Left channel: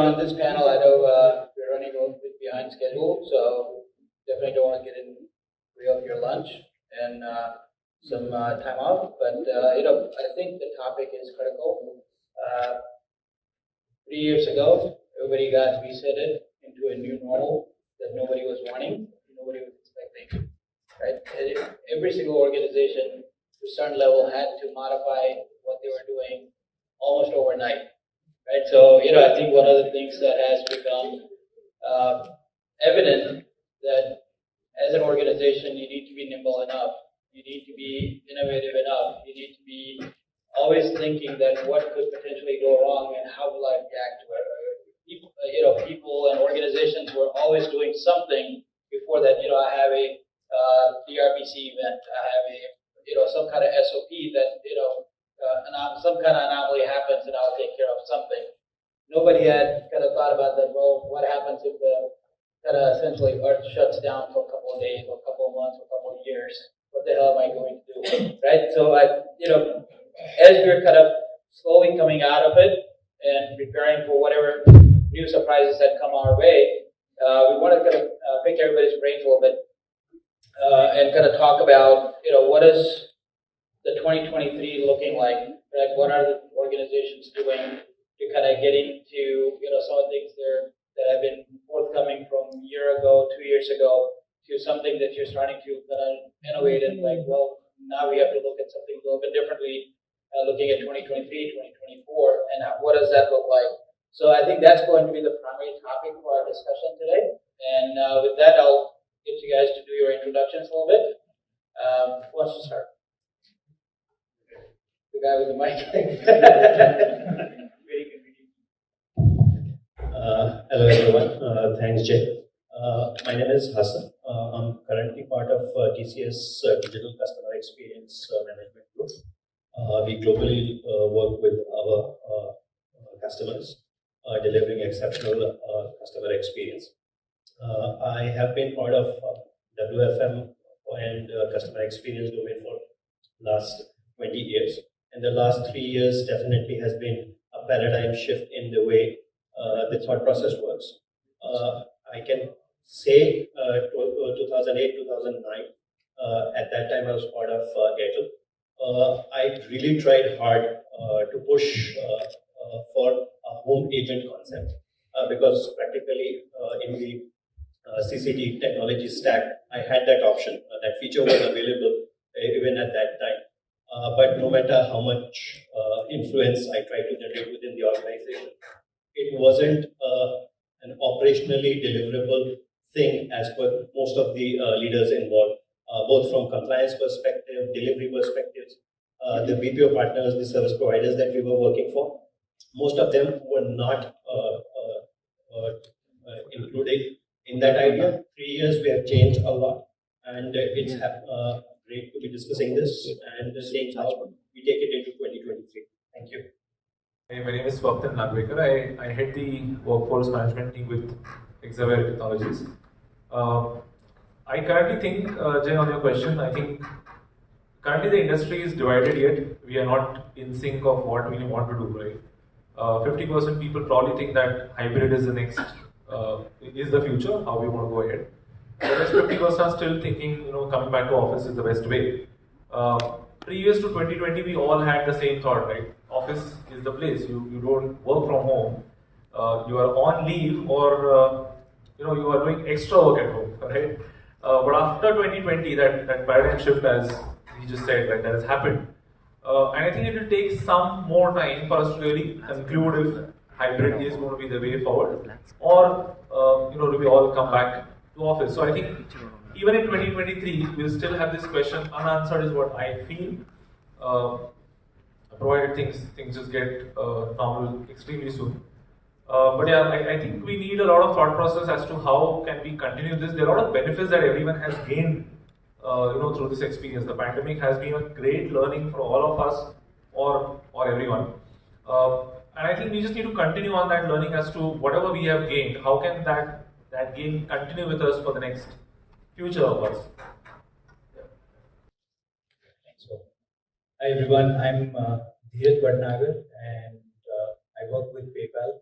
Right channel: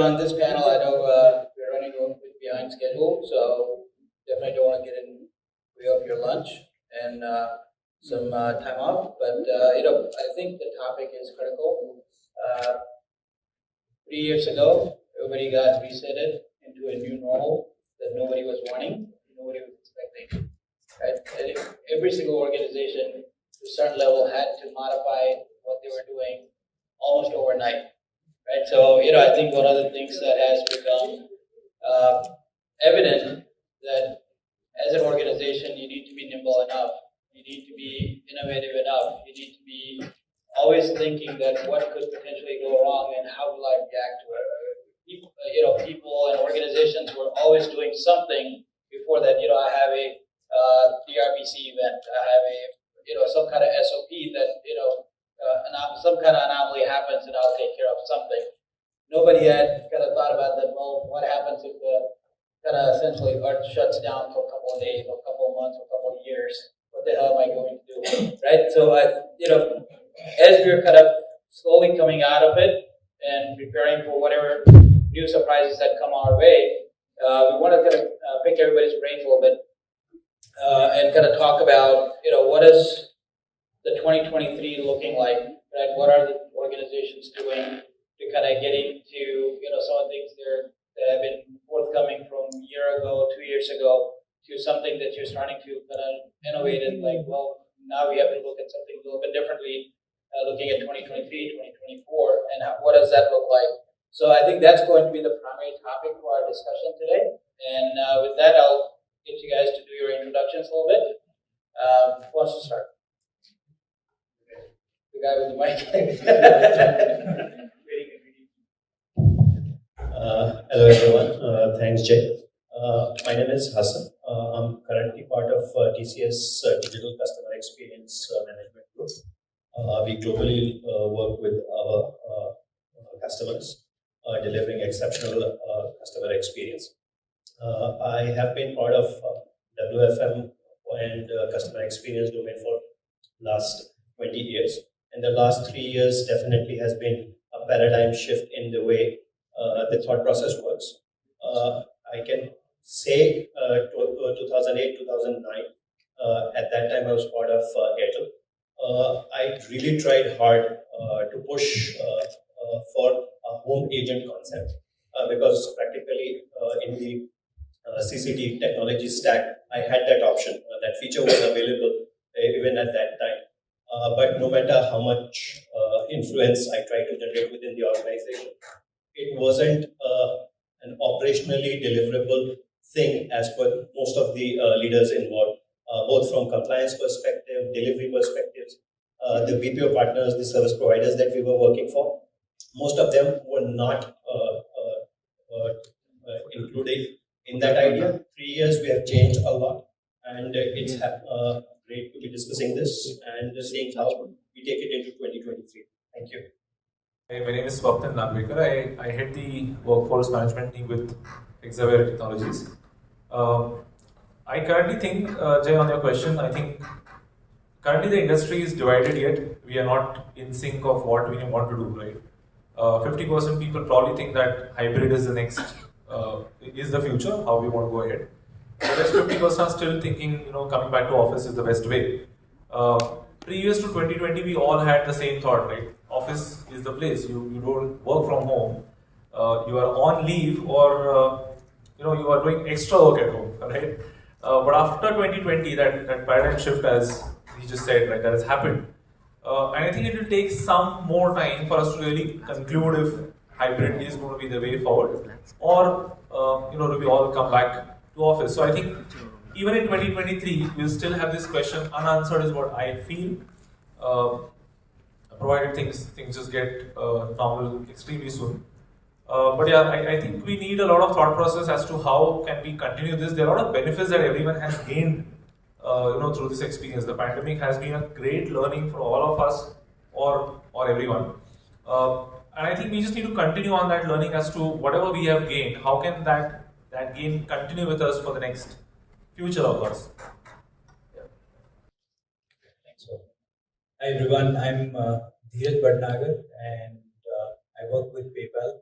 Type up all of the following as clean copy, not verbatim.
on this panel, I know we're running a little bit behind schedule, so definitely don't want to get in way off your lunch and some time off. But I think the topic is critical. 3 years ago, everybody got resetted into a new normal that nobody was wanting, nobody was expecting. Right? And every single organization to a certain level had to modify what they were doing almost overnight. Right? So, I think one of the things that has become evident that as an organization, you need to be nimble enough, you need to be innovative enough, you need to be always thinking that what could potentially go wrong and how will I react to it. People and organizations were always doing something before that. I have a DRBC event, I have a some kind of SOP that some kind of anomaly happens and I'll take care of something. Nobody had kind of thought about that. Well, what happens if the kind of essentially Earth shuts down for a couple of days, or a couple of months, or a couple of years? What the hell am I going to do? Right? So as we're kind of slowly coming out of it and preparing for whatever new surprises that come our way, we want to kind of pick everybody's brains a little bit and kind of talk about what is the 2023 looking like? Right? What are the organizations doing to kind of get into some of the things there that have been forthcoming from a year ago, 2 years ago, to something that you're starting to kind of innovate in, like, well, now we have to look at something a little bit differently, looking at 2023, 2024, and what does that look like? So I think that's going to be the primary topic for our discussion today. And with that, I'll get you guys to do your introductions a little bit. Who wants to start? The guy with the mic. Hello everyone, thanks Jay. My name is Hassan. I'm currently part of TCS Digital Customer Experience Management Group. We globally work with our customers, delivering exceptional customer experience. I have been part of WFM and customer experience domain for last 20 years. And the last 3 years definitely has been a paradigm shift in the way the thought process works. I can say 2008, 2009, at that time I was part of Airtel. I really tried hard to push for a home agent concept because practically in the CCT technology stack, I had that option. That feature was available even at that time. But no matter how much influence I tried to generate within the organization, it wasn't an operationally deliverable thing as per most of the leaders involved, both from compliance perspective, delivery perspectives, the BPO partners, the service providers that we were working for. Most of them were not included in that idea. 3 years we have changed a lot, and it's great to be discussing this and seeing how we take it into 2023. Thank you. Hey, my name is Swapnil Nagvekar. I head the workforce management team with GWFM Technologies. I currently think, Jay, on your question, I think currently the industry is divided yet. We are not in sync of what we want to do, right? 50% people probably think that hybrid is the next, is the future, how we want to go ahead. The rest 50% are still thinking, coming back to office is the best way. 3 years to 2020, we all had the same thought, right? Office is the place. You don't work from home. You are on leave, or you are doing extra work at home, right? But after 2020, that paradigm shift, as he just said, right, that has happened. And I think it will take some more time for us to really conclude if hybrid is going to be the way forward, or do we all come back to office? So I think even in 2023, we'll still have this question unanswered, is what I feel. Provided things just get normal extremely soon. But yeah, I think we need a lot of thought process as to how can we continue this. There are a lot of benefits that everyone has gained, through this experience. The pandemic has been a great learning for all of us, or everyone. And I think we just need to continue on that learning as to whatever we have gained. How can that gain continue with us for the next future of us? Yeah. Thanks. Hi everyone, I'm Dheeraj Bhatnagar, and I work with PayPal.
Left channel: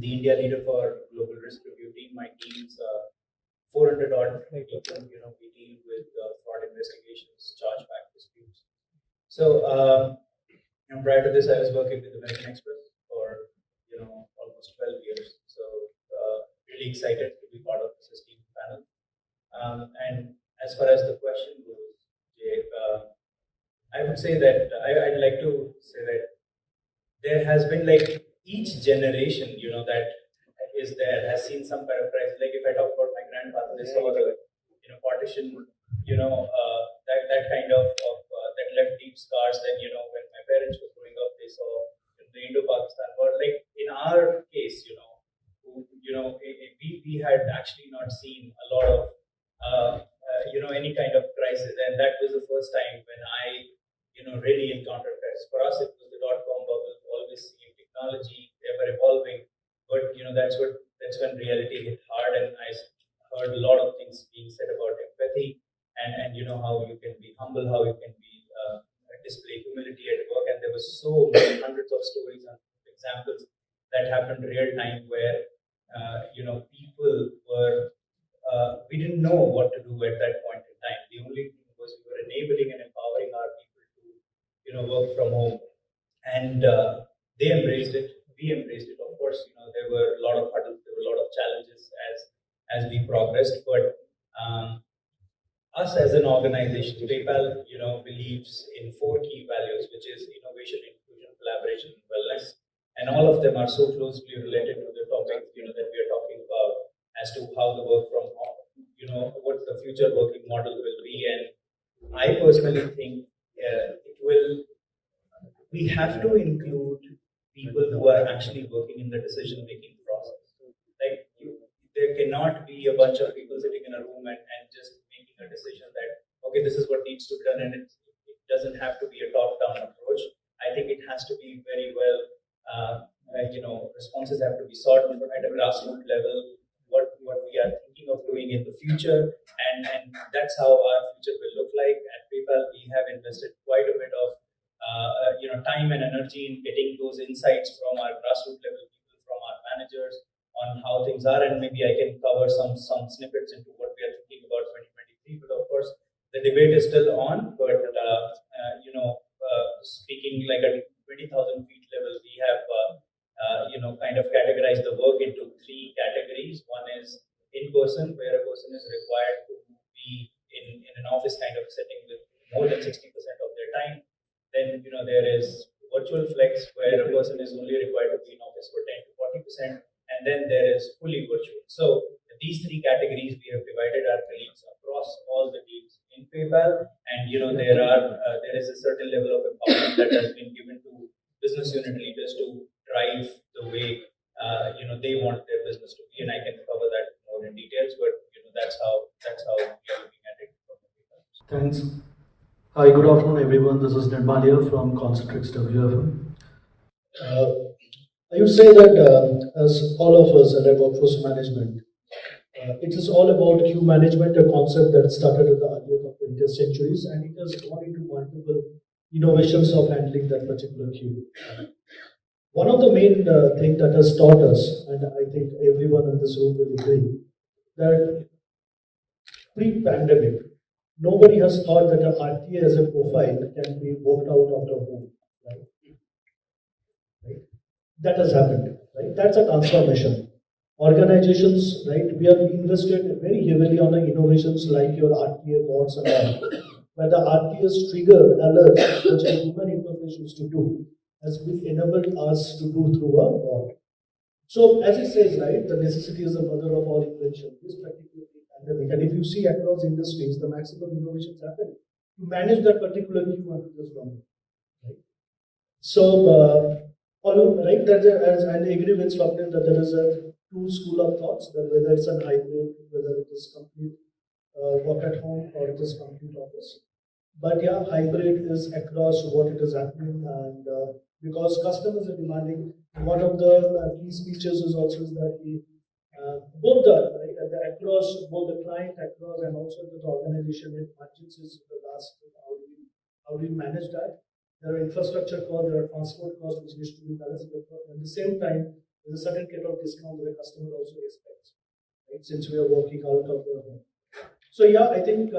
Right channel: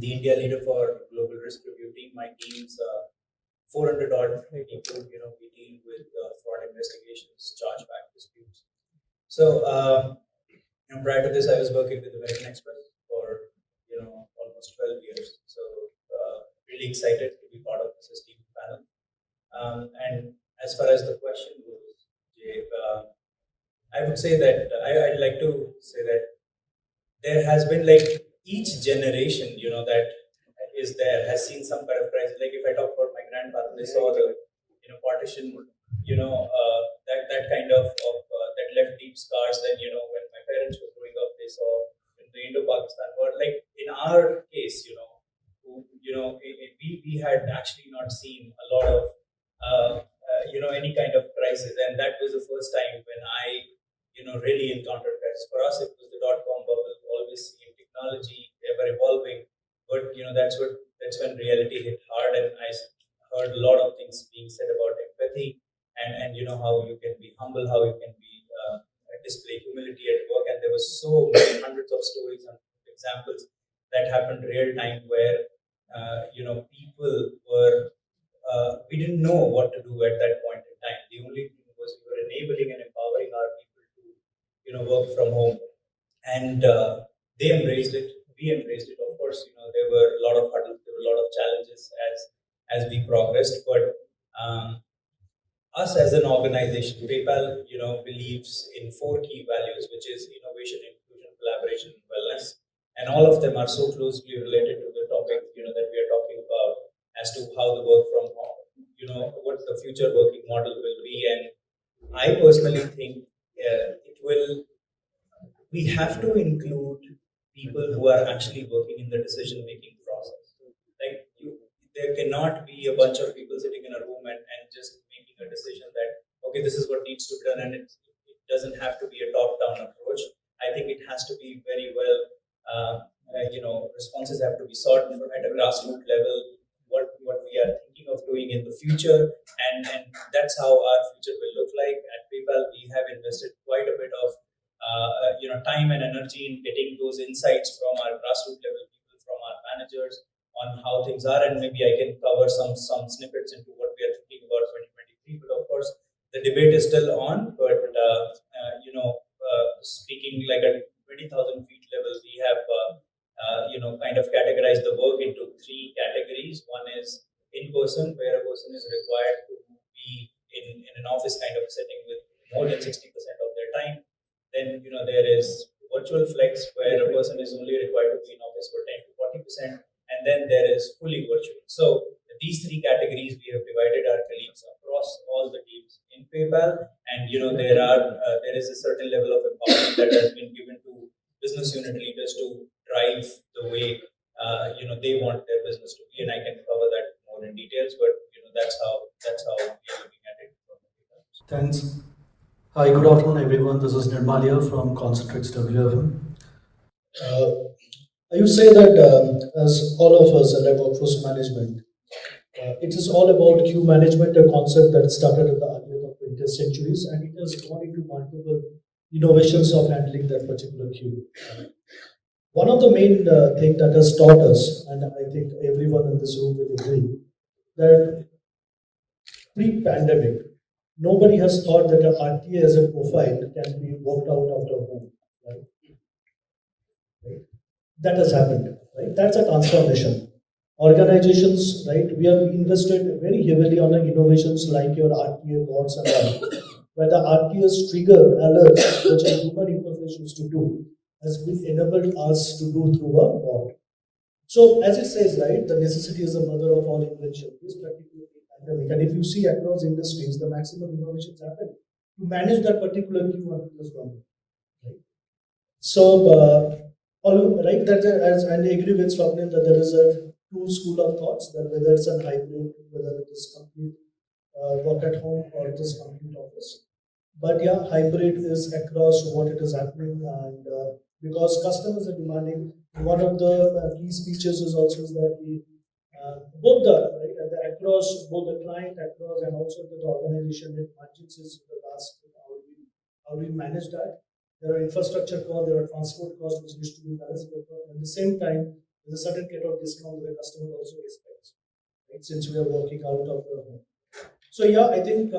the India leader for global risk review team. My team's 400 odd people. We deal with fraud investigations, chargeback disputes. So, prior to this, I was working with American Express for almost 12 years. So, really excited to be part of this esteemed panel. And as far as the question goes, Jay, I would say that I'd like to say that there has been like each generation, that is there has seen some kind of crisis. Like if I talk about my grandfather, they saw the partition, that kind of that left deep scars. Then when my parents were growing up, they saw the Indo-Pakistan war. Like in our case, we had actually not seen a lot of any kind of crisis, and that was the first time when I really encountered crisis. For us, it was the dot-com bubble, always seeing technology ever evolving, but that's when reality hit hard, and I heard a lot of things being said about empathy and how you can be humble, how you can be display humility at work, and there was so many hundreds of stories and examples that happened real time where people were we didn't know what to do at that point in time. The only thing was we were enabling and empowering our people to work from home, and they embraced it. We embraced it. Of course, there were a lot of hurdles, there were a lot of challenges as we progressed, but us as an organization, PayPal, believes in 4 key values, which is innovation, inclusion, collaboration, and wellness. And all of them are so closely related to the topic, that we are talking about as to how the work from home, what the future working model will be. And I personally think we have to include people who are actually working in the decision-making process. Like there cannot be a bunch of people sitting in a room and just making a decision that, okay, this is what needs to be done, and it doesn't have to be a top-down approach. I think it has to be very well, responses have to be sought at a grassroots level, what we are thinking of doing in the future, and that's how our future will look like. At PayPal, we have invested quite a bit of time and energy in getting those insights from our grassroots level people, from our managers, on how things are, and maybe I can cover some snippets into what we are thinking about 2023. But of course, the debate is still on. But speaking like at 20,000 feet level, we have kind of categorized the work into 3 categories. One is in person, where a person is required to be in an office kind of setting with more than 60% of their time. Then there is virtual flex, where a person is only required to be in office for 10 to 40%, and then there is fully virtual. So these 3 categories we have divided our colleagues across all the teams in PayPal, and there is a certain level of empowerment that has been given to business unit leaders to drive the way they want their business to be, and I can cover that more in details. But that's how we are looking at it. Thanks. Hi, good afternoon, everyone. This is Nirmalia from ResultsCx WFM. I would say that as all of us at workforce management, it is all about queue management, a concept that started at the early of 20th centuries, and it has gone into multiple innovations of handling that particular queue. One of the main things that has taught us, and I think everyone in this room will agree, that pre-pandemic, nobody has thought that an RTA as a profile can be worked out of home, right? That has happened, right? That's a transformation. Organizations, right? We have invested very heavily on the innovations like your RTA bots and all, where the RTAs trigger alerts, which a human interface used to do, has been enabled us to do through a bot. So, as it says, right, the necessity is the mother of all invention. This particular pandemic, and if you see across industries, the maximum innovations happen to manage that particular queue under this problem, right? So, right, that as I agree with Swapnil that there is a 2 school of thoughts, that whether it's a hybrid, whether it is complete work at home or it is complete office. But yeah, hybrid is across what it is happening, and because customers are demanding, one of the key speeches is also that we both the right across both the client across and also the organization with budgets is the last how do we manage that. There are infrastructure costs, there are transport costs which needs to be balanced. At the same time, there's a certain kind of discount that the customer also expects, right? Since we are working out of the home. So yeah, I think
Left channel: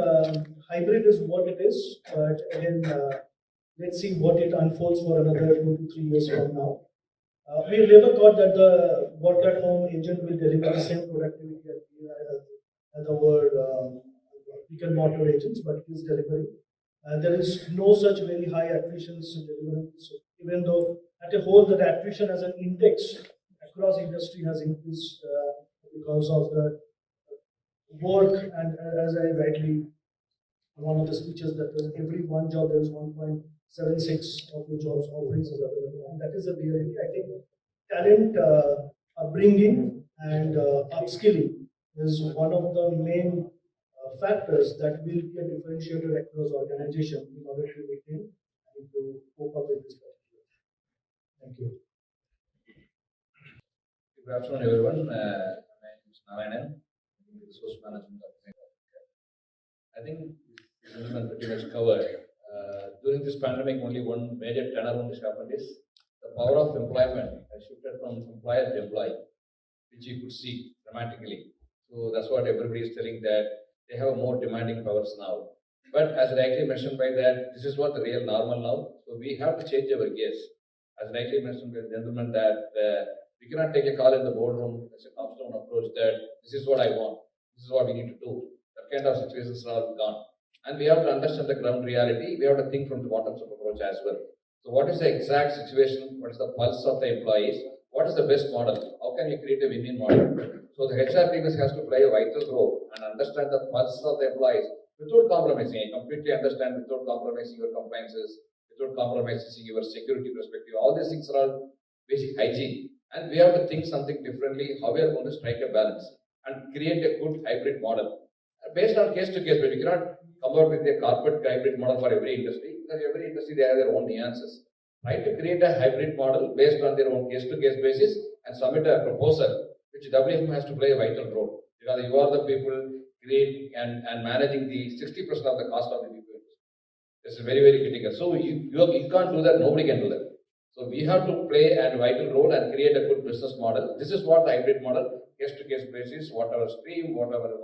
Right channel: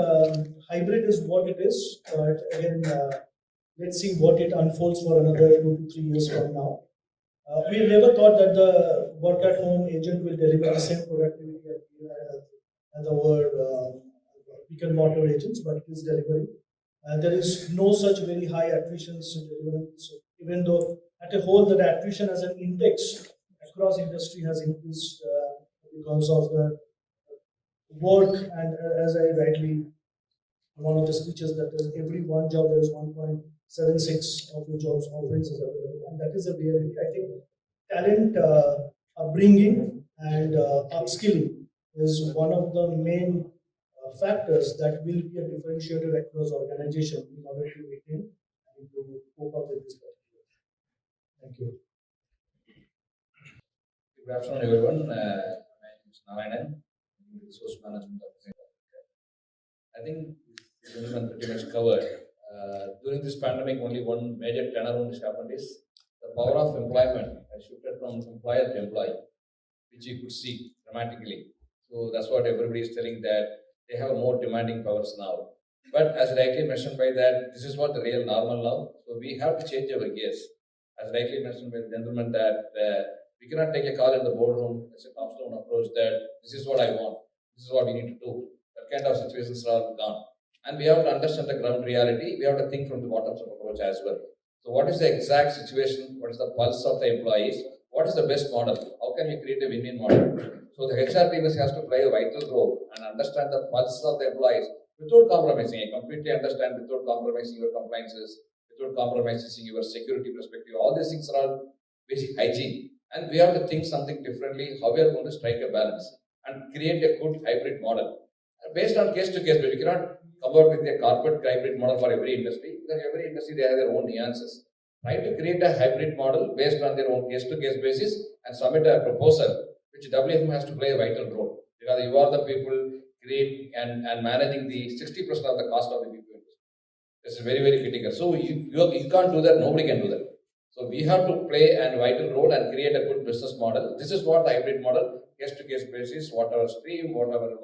hybrid is what it is. But again, let's see what it unfolds for another 2 to 3 years from now. We never thought that the work at home agent will deliver the same productivity as our brick and mortar agents, but it is delivering. There is no such very high attrition in delivery. So even though at a whole that attrition as an index across industry has increased because of the work and as I rightly one of the speeches that was every one job there is 1.76 of the jobs offerings is available, and that is a reality. I think talent upbringing and upskilling is one of the main factors that will be a differentiator across organization in order to retain and to cope up with this particular. Thank you. Good afternoon, everyone. My name is Narayanan, Resource Management Officer. I think this gentleman pretty much covered. During this pandemic, only one major turnaround has happened is the power of employment has shifted from employer to employee, which you could see dramatically. So that's what everybody is telling that they have a more demanding powers now. But as rightly mentioned by that, this is what the real normal now. So we have to change our gears. As rightly mentioned by the gentleman that we cannot take a call in the boardroom as a top-down approach that this is what I want, this is what we need to do. That kind of situations are gone. And we have to understand the ground reality. We have to think from the bottom-up approach as well. So what is the exact situation? What is the pulse of the employees? What is the best model? How can we create a win-win model? So the HR team has to play a vital role and understand the pulse of the employees without compromising. I completely understand without compromising your compliances, without compromising your security perspective. All these things are basic hygiene. And we have to think something differently, how we are going to strike a balance and create a good hybrid model. Based on case to case, but you cannot come out with a corporate hybrid model for every industry, because every industry they have their own nuances. Try to create a hybrid model based on their own case to case basis and submit a proposal, which WFM has to play a vital role. Because you are the people creating and managing the 60% of the cost of the people. This is very, very critical. So you can't do that, nobody can do that. So we have to play a vital role and create a good business model. This is what the hybrid model, case-to-case basis, whatever stream, whatever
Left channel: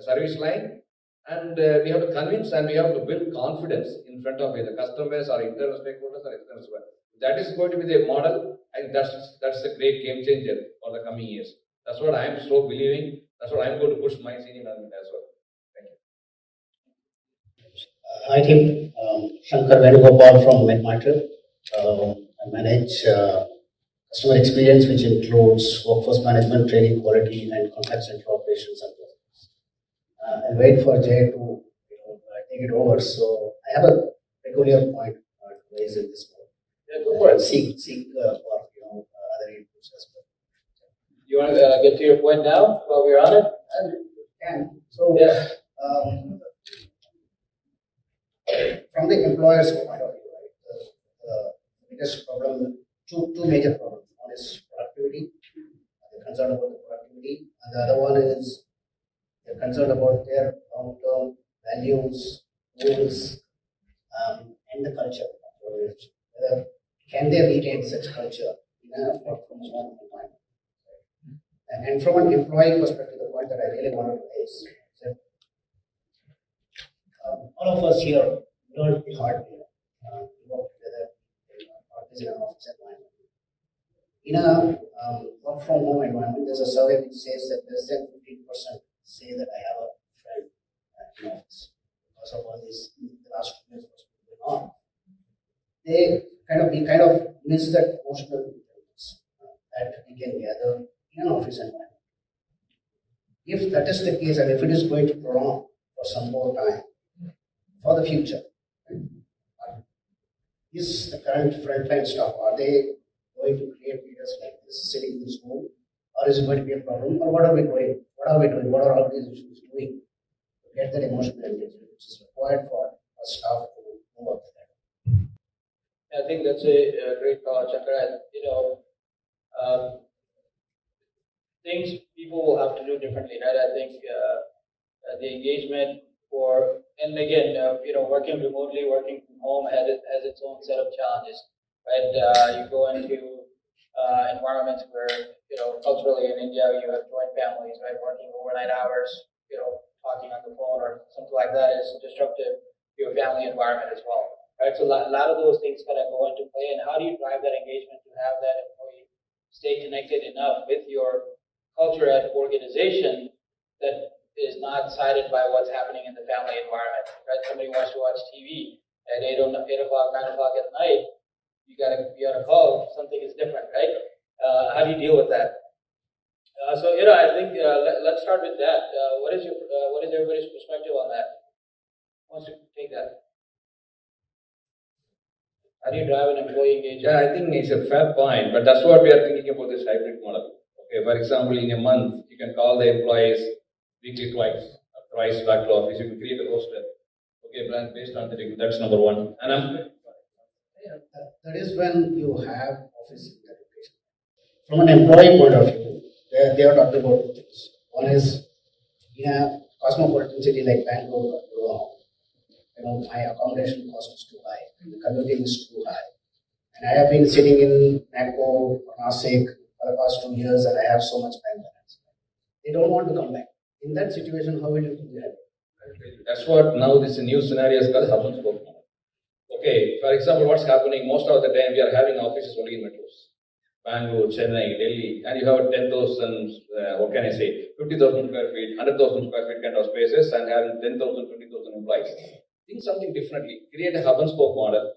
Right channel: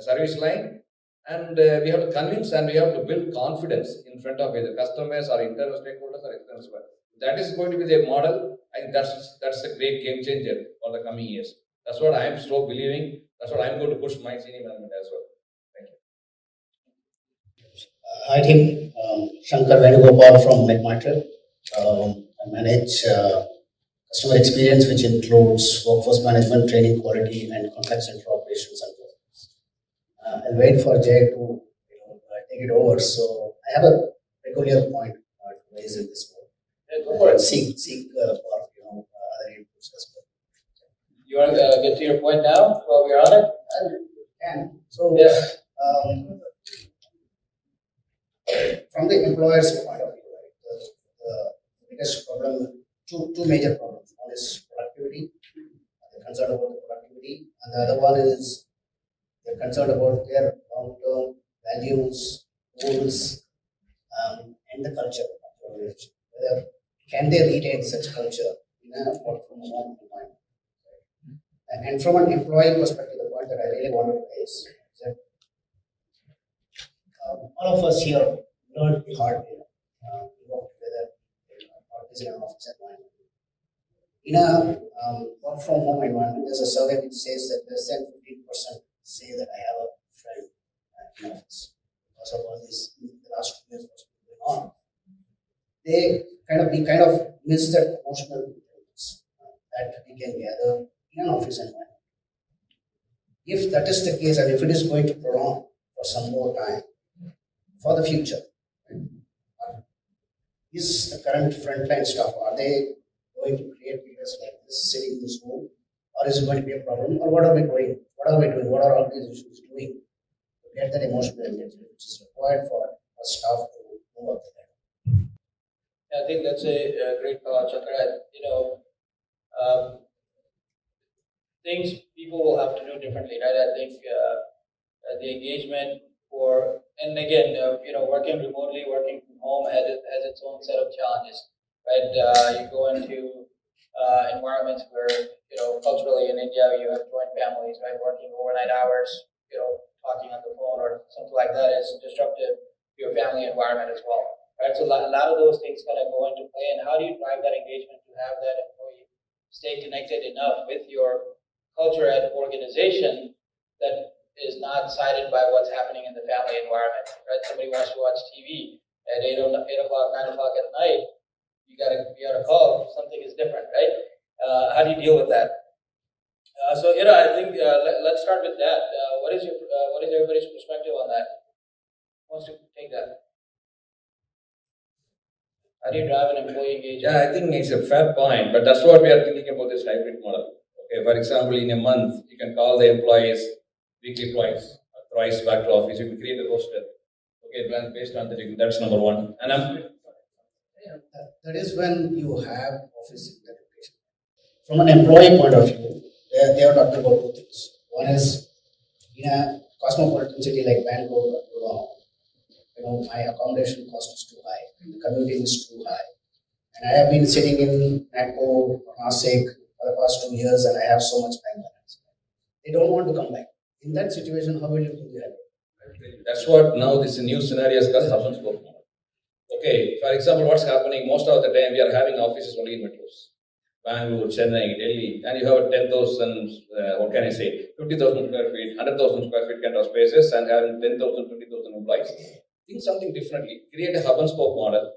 service line, and we have to convince and we have to build confidence in front of either customers or internal stakeholders or external. That is going to be the model. I think that's a great game changer for the coming years. That's what I am so believing. That's what I'm going to push my senior management as well. Thank you. Hi team, Shankar Venugopal from McMaster. I manage customer experience, which includes workforce management, training, quality, and contact center operations and processes. I'll wait for Jay to take it over. So I have a peculiar point to raise in this one. Yeah, go for it. Seek for other inputs as well. You want to get to your point now while we're on it? And so yeah. From the employer's point of view, right, the biggest problem, two major problems. One is productivity. They're concerned about the productivity, and the other one is they're concerned about their long-term values, goals, and the culture. Whether can they retain such culture in a work from home environment? And from an employee perspective, the point that I really wanted to raise is that all of us here learned the hard way. We work together in an office environment. In a work from home environment, there's a survey which says that less than 15% say that I have a friend in office because of all this the last 2 years what's going on. We kind of miss that emotional intelligence that we can gather in an office environment. If that is the case, and if it is going to prolong for some more time, for the future, is the current frontline staff, are they going to create leaders like this sitting in this room, or is it going to be a problem, or what are we doing? What are our organizations doing to get that emotional engagement which is required for our staff to move up the ladder? I think that's a great thought, Chandra. Things people will have to do differently, right? I think the engagement and again, working remotely, working from home has its own set of challenges, right? You go into environments where, culturally in India you have joint families, right, working overnight hours, talking on the phone or something like that is disruptive to your family environment as well, right? So a lot of those things kind of go into play. And how do you drive that engagement to have that employee stay connected enough with your culture and organization that is not sided by what's happening in the family environment, right? Somebody wants to watch TV at 8 o'clock, 9 o'clock at night, you gotta be on a call, something is different, right? How do you deal with that? So I think let's start with that. What is everybody's perspective on that? Who wants to take that? How do you drive an employee engagement? Yeah, I think it's a fair point, but that's what we are thinking about this hybrid model. Okay, for example, in a month, you can call the employees weekly twice, or thrice back to office. You can create a roster. Okay, plan based on the thing. That's number one. And that is when you have office integration. From an employee point of view, they are talking about two things. One is in a cosmopolitan city like Bangalore or Toronto, my accommodation cost is too high, and the commuting is too high. And I have been sitting in Nagpur, Nasik for the past 2 years, and I have so much bank balance. They don't want to come back. In that situation, how will you do that? that's what now this new scenario is called hub and spoke model. Okay, for example, what's happening most of the time we are having offices only in metros. Bangalore, Chennai, Delhi, and you have 10,000, 50,000 square feet, 100,000 square feet kind of spaces and having 10,000, 20,000 employees. Think something differently. Create a hub and spoke model.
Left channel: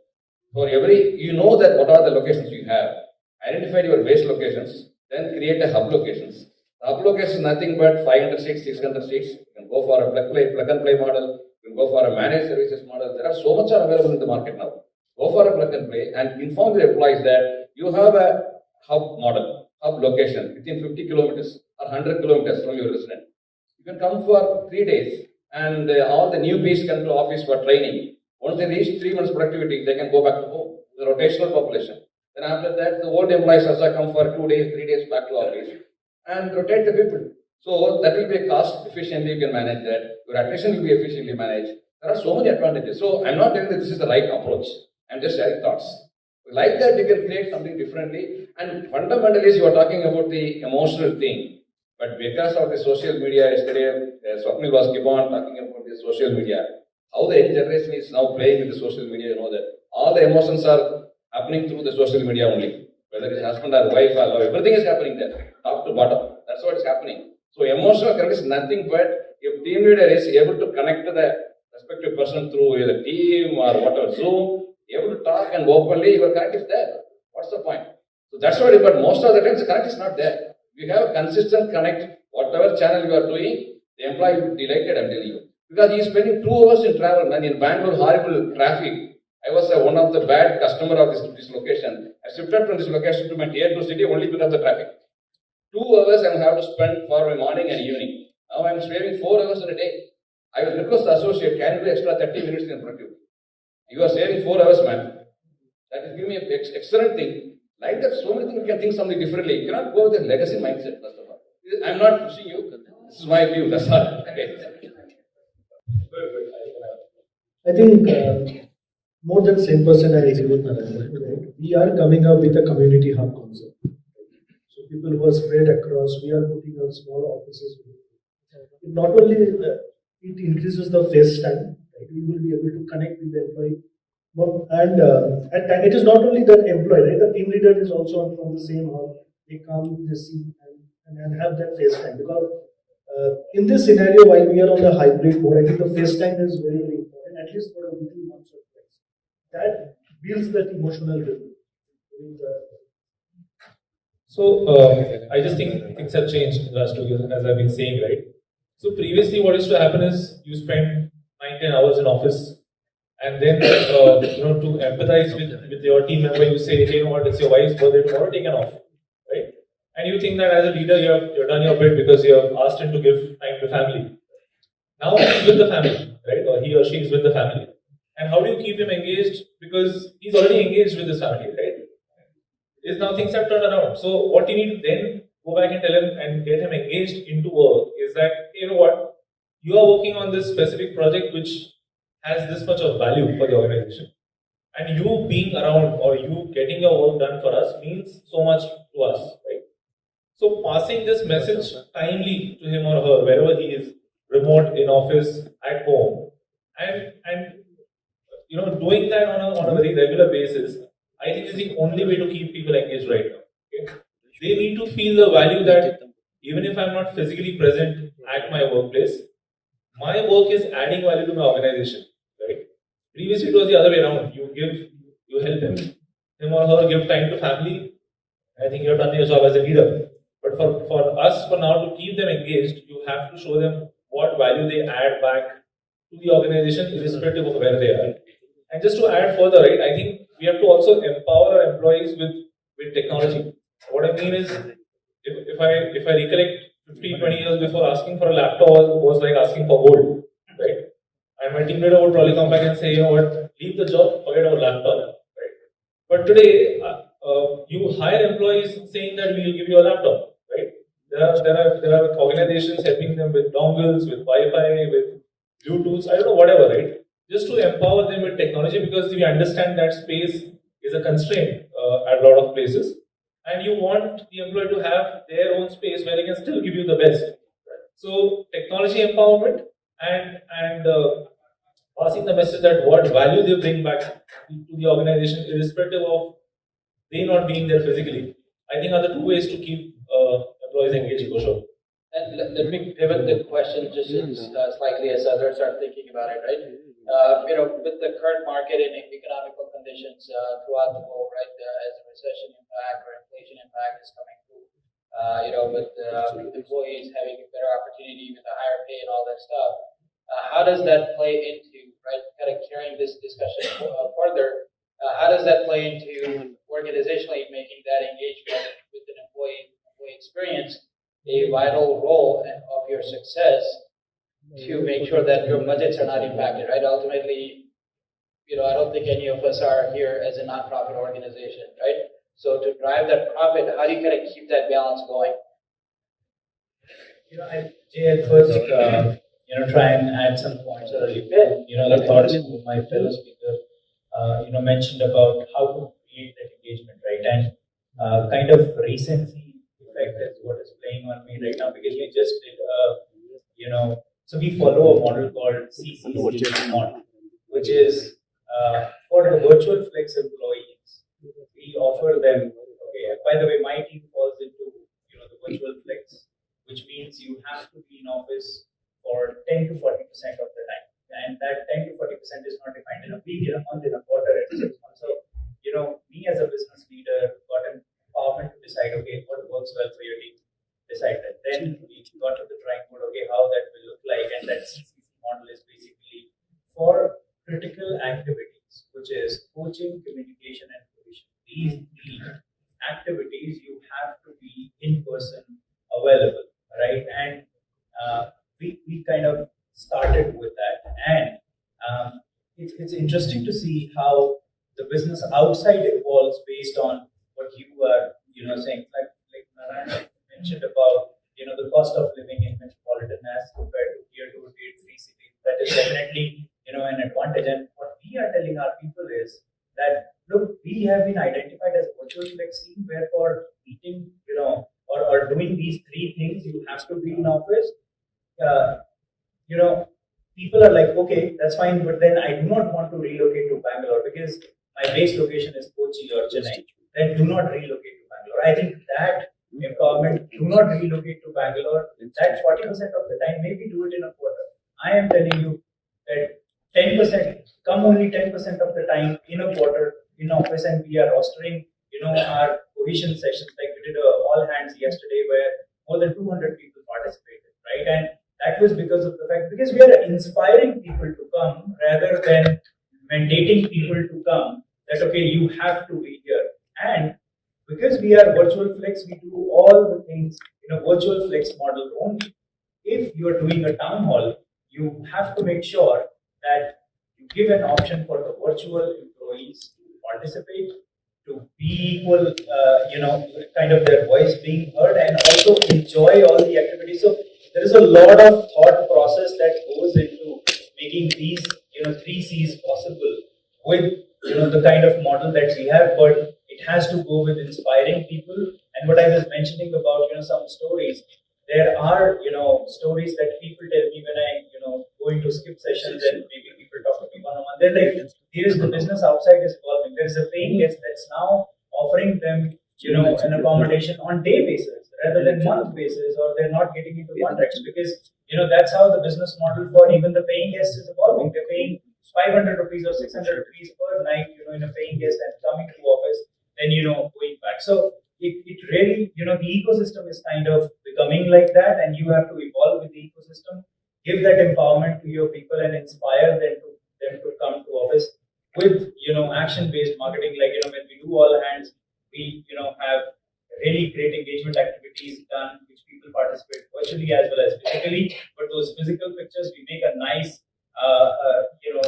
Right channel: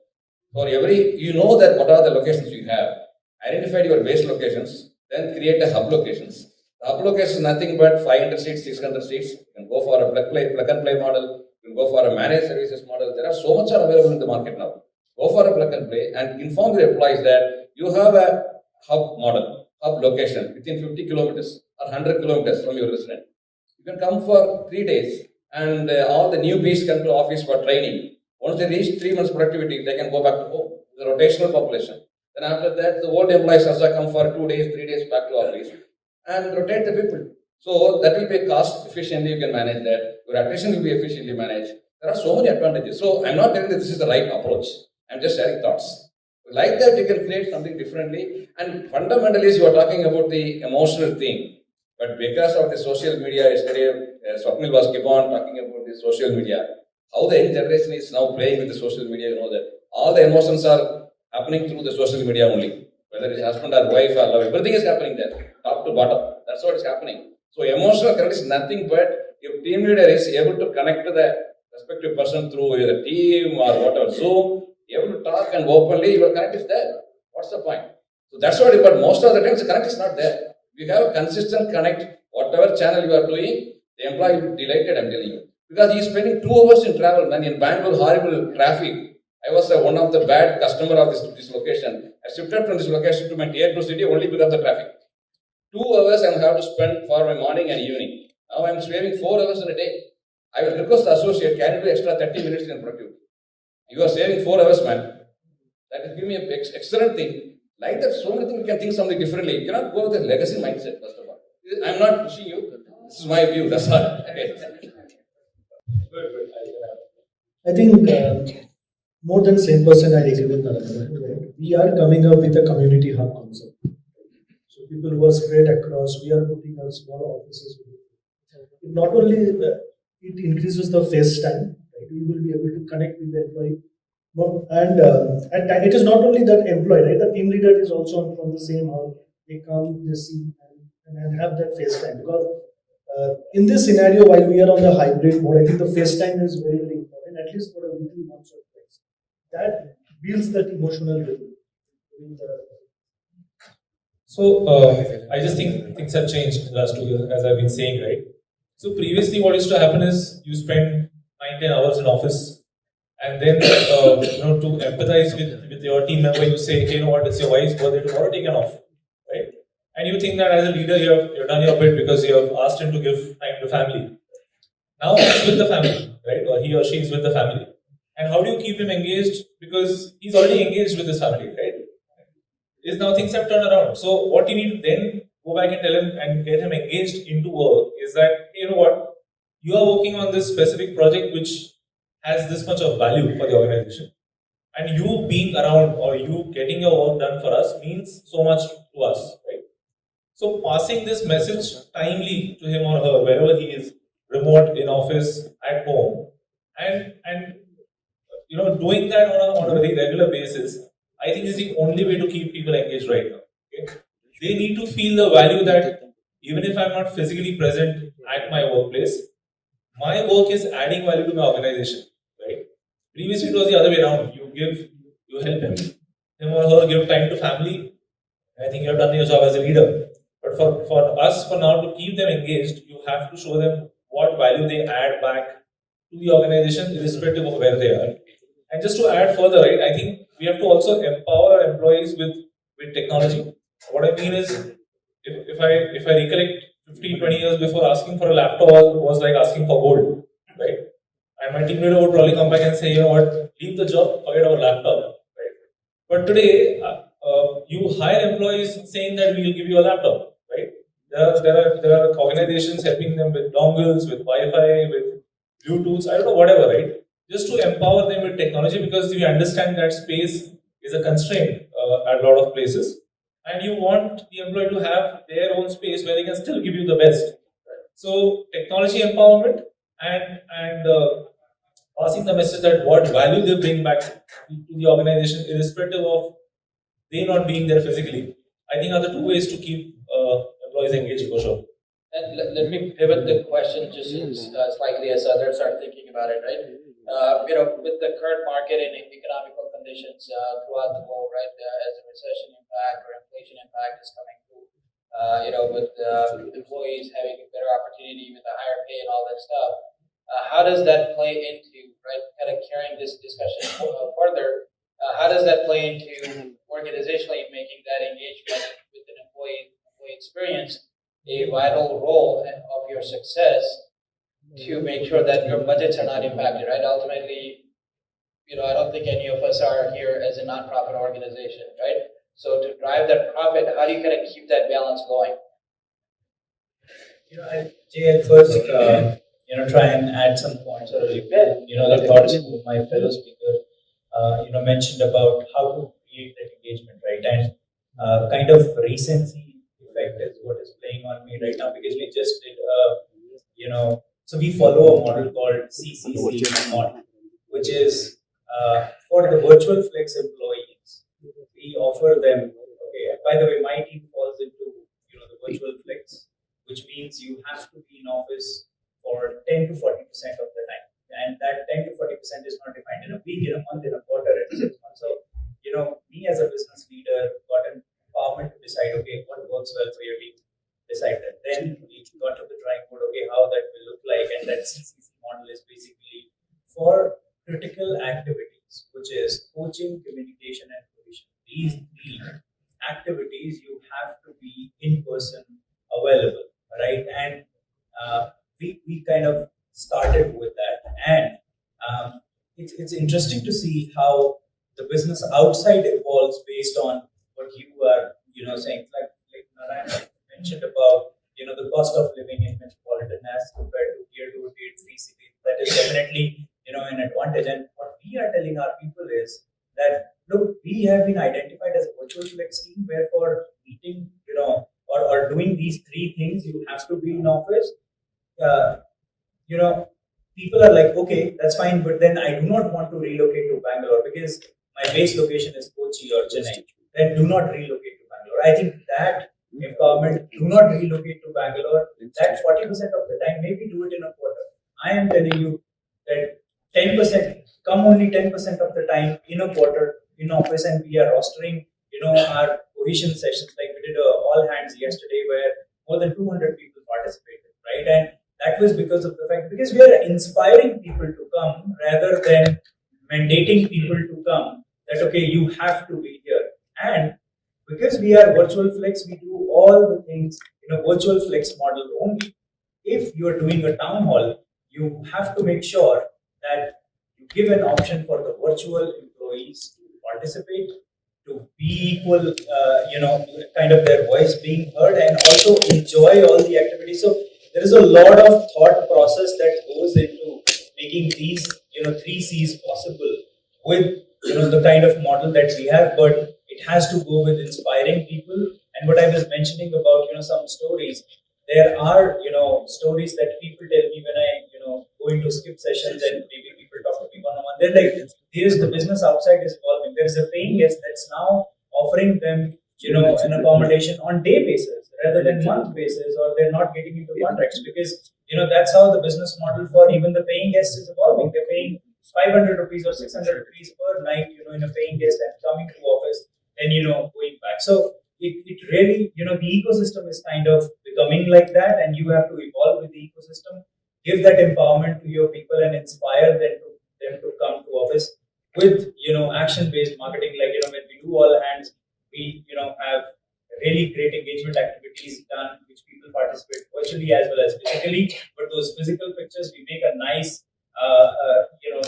For every, that what are the locations you have. Identify your base locations, then create a hub locations. The hub location is nothing but 500 seats, 600 seats. You can go for a plug and play model. You can go for a managed services model. There are so much available in the market now. Go for a plug and play and inform your employees that you have a hub model, hub location within 50 kilometers or 100 kilometers from your resident. You can come for 3 days and all the newbies come to office for training. Once they reach 3 months productivity, they can go back to home, the rotational population. Then after that, the old employees also come for 2 days, 3 days back to office and rotate the people. So that will be cost efficiently, you can manage that. Your attrition will be efficiently managed. There are so many advantages. So I'm not telling that this is the right approach. I'm just sharing thoughts. Like that, you can create something differently. And fundamentally, you are talking about the emotional thing. But because of the social media, yesterday, Swapnil was keep on talking about the social media. How the young generation is now playing with the social media, that all the emotions are happening through the social media only. Whether it's husband or wife or love, everything is happening there, top to bottom. That's what is happening. So emotional connect is nothing but if team leader is able to connect to the respective person through either team or whatever, Zoom, able to talk and openly, your connect is there. What's the point? So that's what, but most of the times the connect is not there. We have a consistent connect, whatever channel you are doing, the employee will be delighted, I'm telling you. Because he is spending 2 hours in travel, and in Bangalore, horrible traffic. I was one of the bad customer of this location. I shifted from this location to my tier 2 city only because of the traffic. 2 hours I have to spend for my morning and evening. Now I am saving 4 hours in a day. I will request the associate, can you do extra 30 minutes in productivity? You are saving 4 hours, man. That is giving me an excellent thing. Like that, so many things you can think something differently. You cannot go with a legacy mindset, first of all. I am not pushing you. This is my view, that's all. Okay. I think more than same person, I agree with Narendra. Right? We are coming up with a community hub concept. So people who are spread across, we are putting up small offices. It not only it increases the face time, right? We will be able to connect with the employee. And it is not only that employee, right? The team leader is also from the same hub. They come, they see, and have that face time. Because in this scenario, while we are on the hybrid mode, I think the face time is very, very important, at least for a weekly, once or twice. That builds that emotional rhythm. So, I just think things have changed in the last 2 years, as I've been saying, right? So, previously, what used to happen is you spend 9-10 hours in office, and then, to empathize with your team member, you say, hey, you know what, it's your wife's birthday tomorrow, take an off, right? And you think that as a leader, you've done your bit because you have asked him to give time to family. Now he's with the family, right? Or he or she is with the family. And how do you keep him engaged? Because he's already engaged with his family, right? Is now things have turned around. So what you need to then go back and tell him and get him engaged into work is that, hey, you know what, you are working on this specific project which has this much of value for the organization. And you being around or you getting your work done for us means so much to to us, right? So passing this message timely to him or her, wherever he is, remote, in office, at home, and doing that on a very regular basis, I think is the only way to keep people engaged right now. Okay? They need to feel the value that even if I'm not physically present at my workplace, my work is adding value to my organization, right? Previously, it was the other way around. You help him or her give time to family. I think you have done your job as a leader. But for us, for now, to keep them engaged, you have to show them what value they add back to the organization, irrespective of where they are. And just to add further, right, I think we have to also empower our employees with technology. What I mean is, if I recollect 15, 20 years before, asking for a laptop was like asking for gold, right? And my team leader would probably come back and say, you know what, leave the job, forget our laptop, right? But today, you hire employees saying that we will give you a laptop, right? There are organizations helping them with dongles, with Wi-Fi, with Bluetooth, I don't know, whatever, right? Just to empower them with technology, because we understand that space is a constraint at a lot of places, and you want the employee to have their own space where they can still give you the best. So technology empowerment and passing the message that what value they bring back to the organization, irrespective of they not being there physically, I think are the two ways to keep employees engaged for sure. And let me pivot the question just slightly as others are thinking about it, right? With the current market and economical conditions throughout the world, right, as a recession impact or inflation impact is coming through, with employees having a better opportunity with a higher pay and all that stuff, how does that play into, right, kind of carrying this discussion further, how does that play into organizationally making that engagement with an employee experience a vital role of your success to make sure that your budgets are not impacted, right? Ultimately, I don't think any of us are here as a nonprofit organization, right? So to drive that profit, how do you kind of keep that balance going? Jay, at first, try and add some points or the thoughts of my fellow speaker, mentioned about how to create that engagement, right? And kind of recency effect is what is playing on me right now, because we just did, so we follow a model called CCC model, which is for the virtual flex employees. We offer them, okay, by the way, my team falls into, the virtual flex, which means you have to be in office for 10 to 40% of the time. And that 10 to 40% is not defined in a week, in a month, in a quarter, in 6 months. So, me as a business leader got an empowerment to decide, okay, what works well for your team, decide that. Then we got to the drawing board, okay, how that will look like. And that CCC model is basically for critical activities, which is coaching, communication, and provision. These three activities, you have to be in person available, right? And we kind of started with that, and it's interesting to see how the business outside evolves based on what you are saying, like Narayan mentioned about the cost of living in metropolitan as compared to tier 2, tier 3 cities. That is definitely an advantage. And what we are telling our people is that, look, we have been identified as a virtual flex team, where for meeting or doing these three things you have to be in office. People are like, okay, that's fine, but then I do not want to relocate to Bangalore because my base location is Kochi or Chennai. Then do not relocate to Bangalore. I think that empowerment, do not relocate to Bangalore, that 40% of the time, maybe do it in a quarter. I am telling you that 10%, come only 10% of the time in a quarter in office, and we are rostering, our cohesion sessions. Like we did all hands yesterday where more than 200 people participated, right? And that was because of the fact, because we are inspiring people to come rather than mandating people to come, that, okay, you have to be here. And because we are virtual flex, we do all the things in a virtual flex model only. If you are doing a town hall, you have to make sure that you give an option for the virtual employees to participate, to be equal, kind of their voice being heard, and also enjoy all the activities. So there is a lot of thought process that goes into making these, 3 C's possible with, the kind of model that we have, but it has to go with inspiring people And what I was mentioning about, some stories, there are, stories that people tell me when I, go into skip sessions and maybe people talk to me one-on-one. They're like, here's the business outside is evolving. There is a paying guest that's now offering them, an accommodation on day basis rather than month basis, or they're not getting into contracts because, that's how the business model for even the paying guest is evolving. They're paying 500 rupees or 600 rupees per night, in a paying guest and coming to office, then, going back. So it really, the ecosystem is kind of becoming like that, and you have to evolve with the ecosystem, give that empowerment to your people and inspire them to come to office with, action-based marketing. Like, when we do all hands, we, have really great engagement activities done, which people participate virtually as well as physically. But those physical pictures, we make a nice,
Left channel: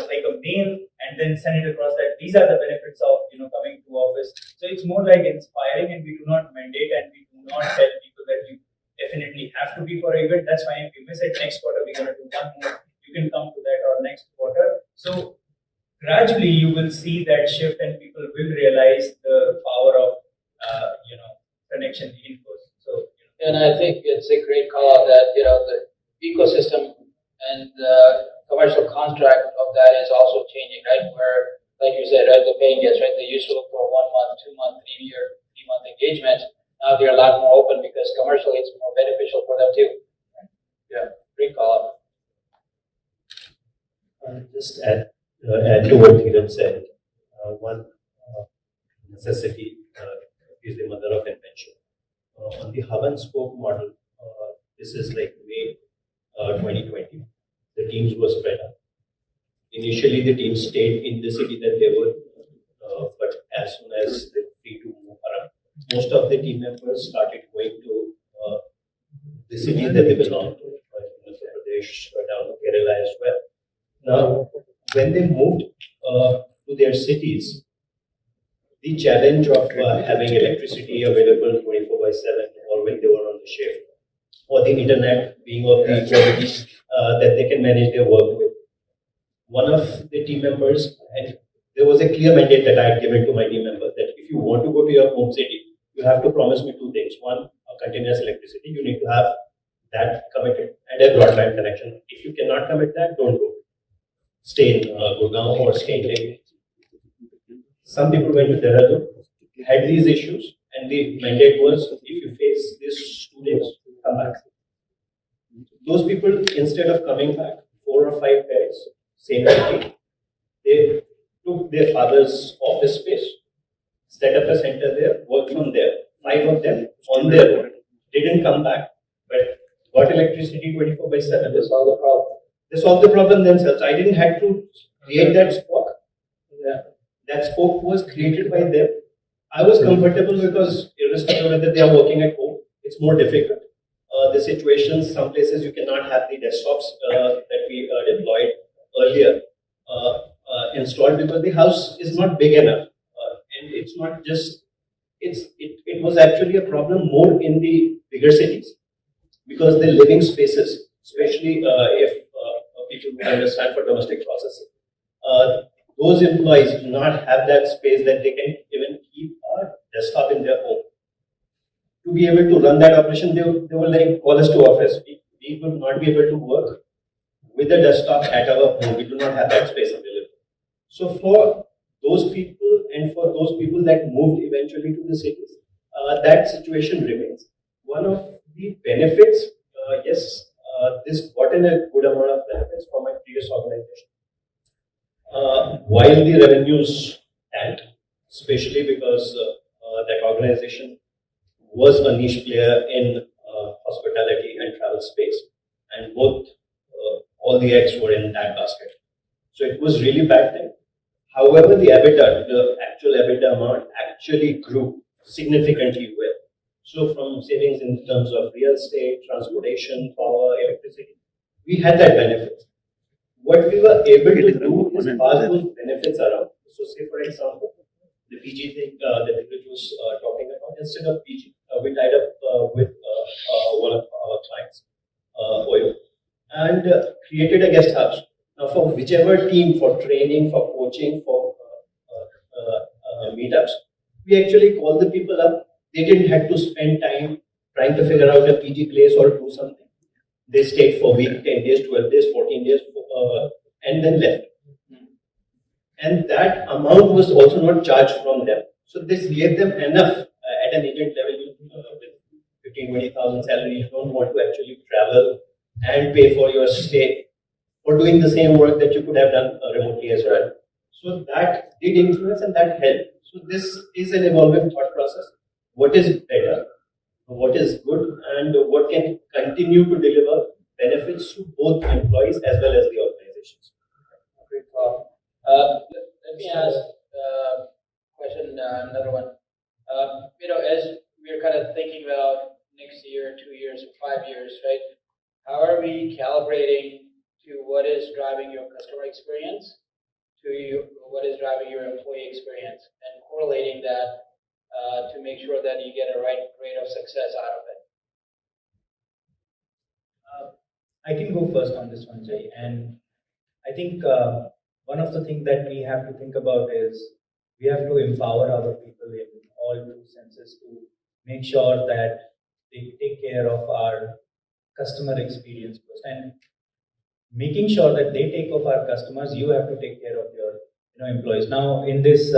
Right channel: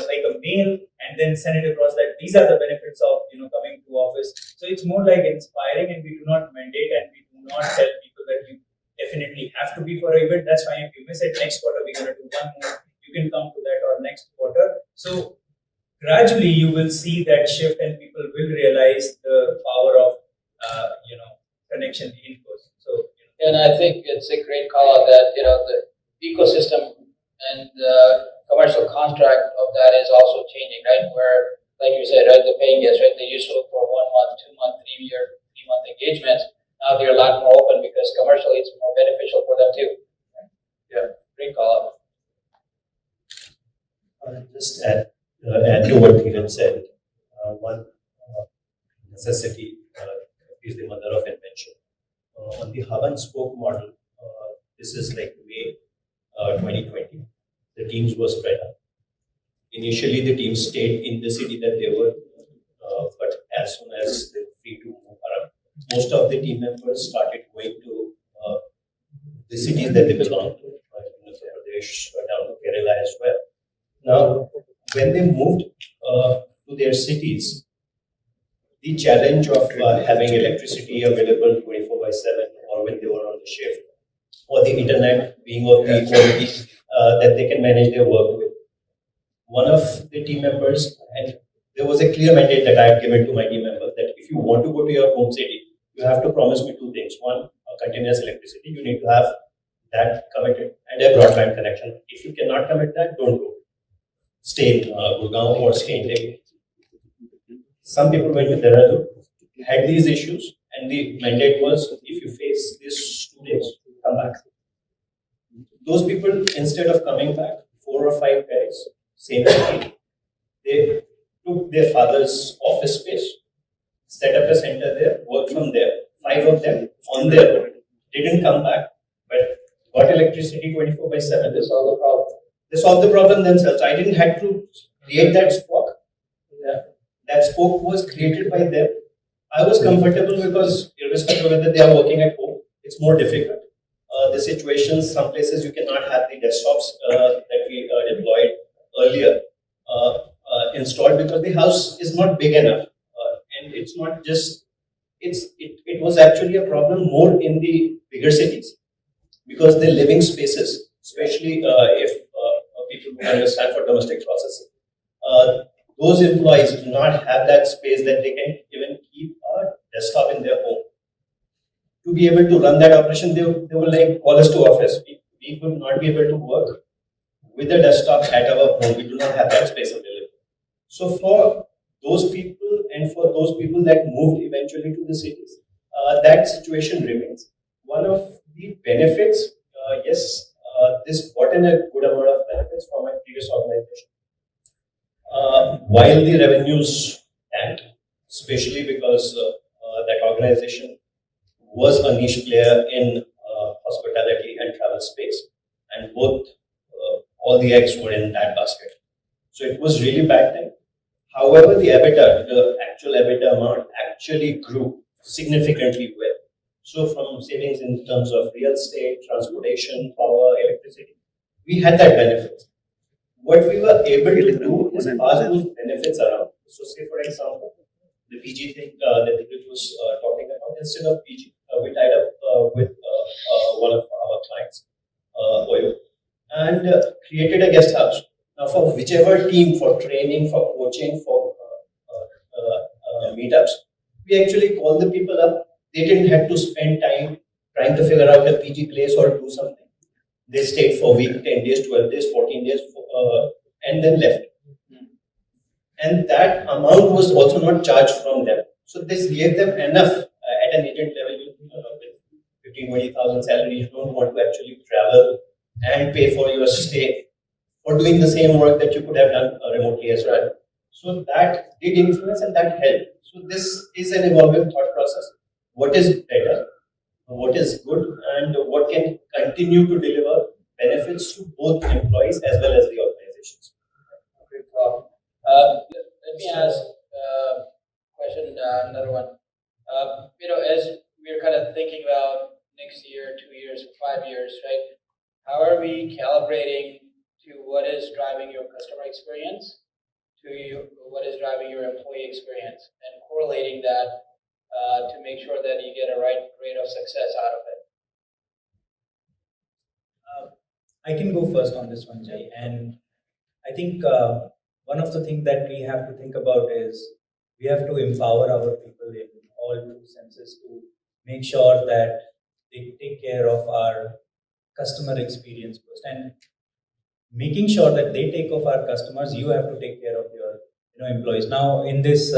like a mail and then send it across that these are the benefits of, coming to office. So it's more like inspiring, and we do not mandate and we do not tell people that you definitely have to be for an event. That's fine. If you miss it next quarter, we're going to do one more. You can come to that or next quarter. So gradually you will see that shift and people will realize the power of, connection in person. So, And I think it's a great call out that, the ecosystem and the commercial contract of that is also changing, right? Where, like you said, right, the paying guests, right, they used to look for 1 month, 2 month, 3-month engagements. Now they're a lot more open because commercially it's more beneficial for them too. Yeah, great call out. Just add to what Dheeraj said. One necessity is the mother of invention. On the hub and spoke model, this is like May 2020. The teams were spread out. Initially, the teams stayed in the city that they were, but as soon as they were free to move around, most of the team members started going to the cities that they belong to, Uttar Pradesh, down to Kerala as well. Now, when they moved to their cities, the challenge of having electricity available 24/7, or when they were on the shift, or the internet being of the quality that they can manage their work with. One of the team members, and there was a clear mandate that I had given to my team members that if you want to go to your home city, you have to promise me 2 things. One, a continuous electricity. You need to have that committed, and a broadband connection. If you cannot commit that, don't go. Stay in Gurgaon or stay in Delhi. Some people went to Dehradun, had these issues, and the mandate was if you face this 2 days, come back. Those people, instead of coming back 4 or 5 days, same city, they took their father's office space, set up a center there, worked from there. 5 of them on their own didn't come back, but got electricity 24/7. They solve the problem. They solved the problem themselves. I didn't have to create that spoke. That spoke was created by them. I was comfortable because irrespective of whether they are working at home, it's more difficult. The situations, some places you cannot have the desktops that we deployed earlier installed because the house is not big enough. And it's not just, it was actually a problem more in the bigger cities because the living spaces, especially if people who understand for domestic processing, those employees do not have that space that they can even keep a desktop in their home. To be able to run that operation, they were like, call us to office. We would not be able to work with a desktop at our home. We do not have that space available. So for those people and for those people that moved eventually to the cities, that situation remains. One of the benefits, yes, this brought in a good amount of benefits for my previous organization. While the revenues tanked, especially because that organization was a niche player in hospitality and travel space, and both all the eggs were in that basket. So it was really bad thing. However, the EBITDA, the actual EBITDA amount actually grew significantly well. So from savings in terms of real estate, transportation, power, electricity, we had that benefit. What we were able to do is pass those benefits around. So say for example, the PG thing that Dheeraj was talking about, instead of PG, we tied up with one of our clients, OYO, and created a guest house. Now for whichever team, for training, for coaching, for meetups, we actually call the people up They didn't have to spend time trying to figure out a PG place or do something. They stayed for a week, 10 days, 12 days, 14 days, and then left. And that amount was also not charged from them. So this gave them enough at an agent level with 15,000-20,000 salary. You don't want to actually travel and pay for your stay or doing the same work that you could have done remotely as well. So that did influence and that helped. So this is an evolving thought process. What is better, what is good, and what can continue to deliver benefits to both employees as well as the organizations. Great call. Let me ask question, another one. As we're kind of thinking about next year, 2 years, or 5 years, right? How are we calibrating to what is driving your customer experience, to what is driving your employee experience, and correlating that to make sure that you get a right rate of success out of it? I can go first on this one, Jay. And I think one of the things that we have to think about is we have to empower our people in all two senses to make sure that they take care of our customer experience first. And making sure that they take care of our customers, you have to take care of your employees. Now, in this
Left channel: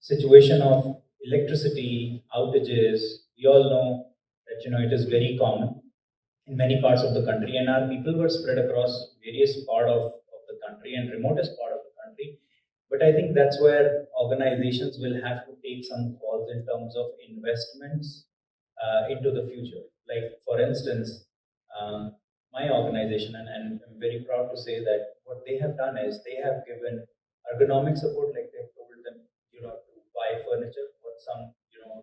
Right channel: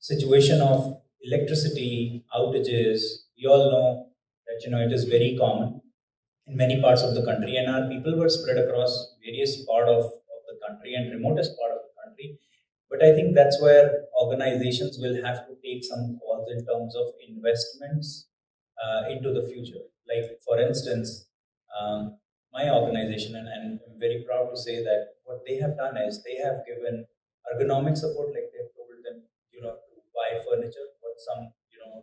situation of electricity outages, we all know that it is very common in many parts of the country, and our people were spread across various parts of the country and remotest part of the country. But I think that's where organizations will have to take some calls in terms of investments into the future. Like, for instance, my organization, and I'm very proud to say that what they have done is they have given ergonomic support, like they've told them, to buy furniture for some,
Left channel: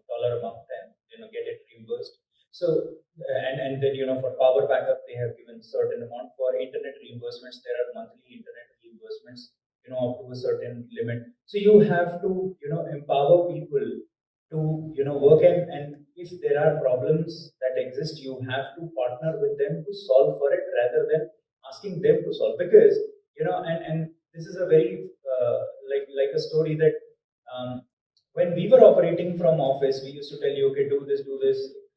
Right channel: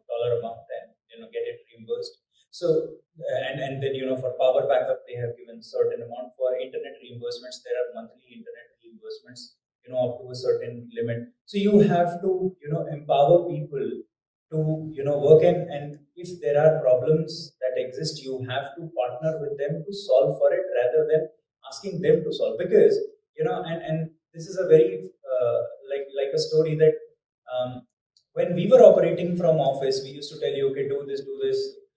dollar amount and, get it reimbursed. So, and then, for power backup, they have given certain amount. For internet reimbursements, there are monthly internet reimbursements, up to a certain limit. So you have to, empower people to, work and if there are problems that exist, you have to partner with them to solve for it rather than asking them to solve. Because, and this is a very, like a story that when we were operating from office, we used to tell you, okay, do this,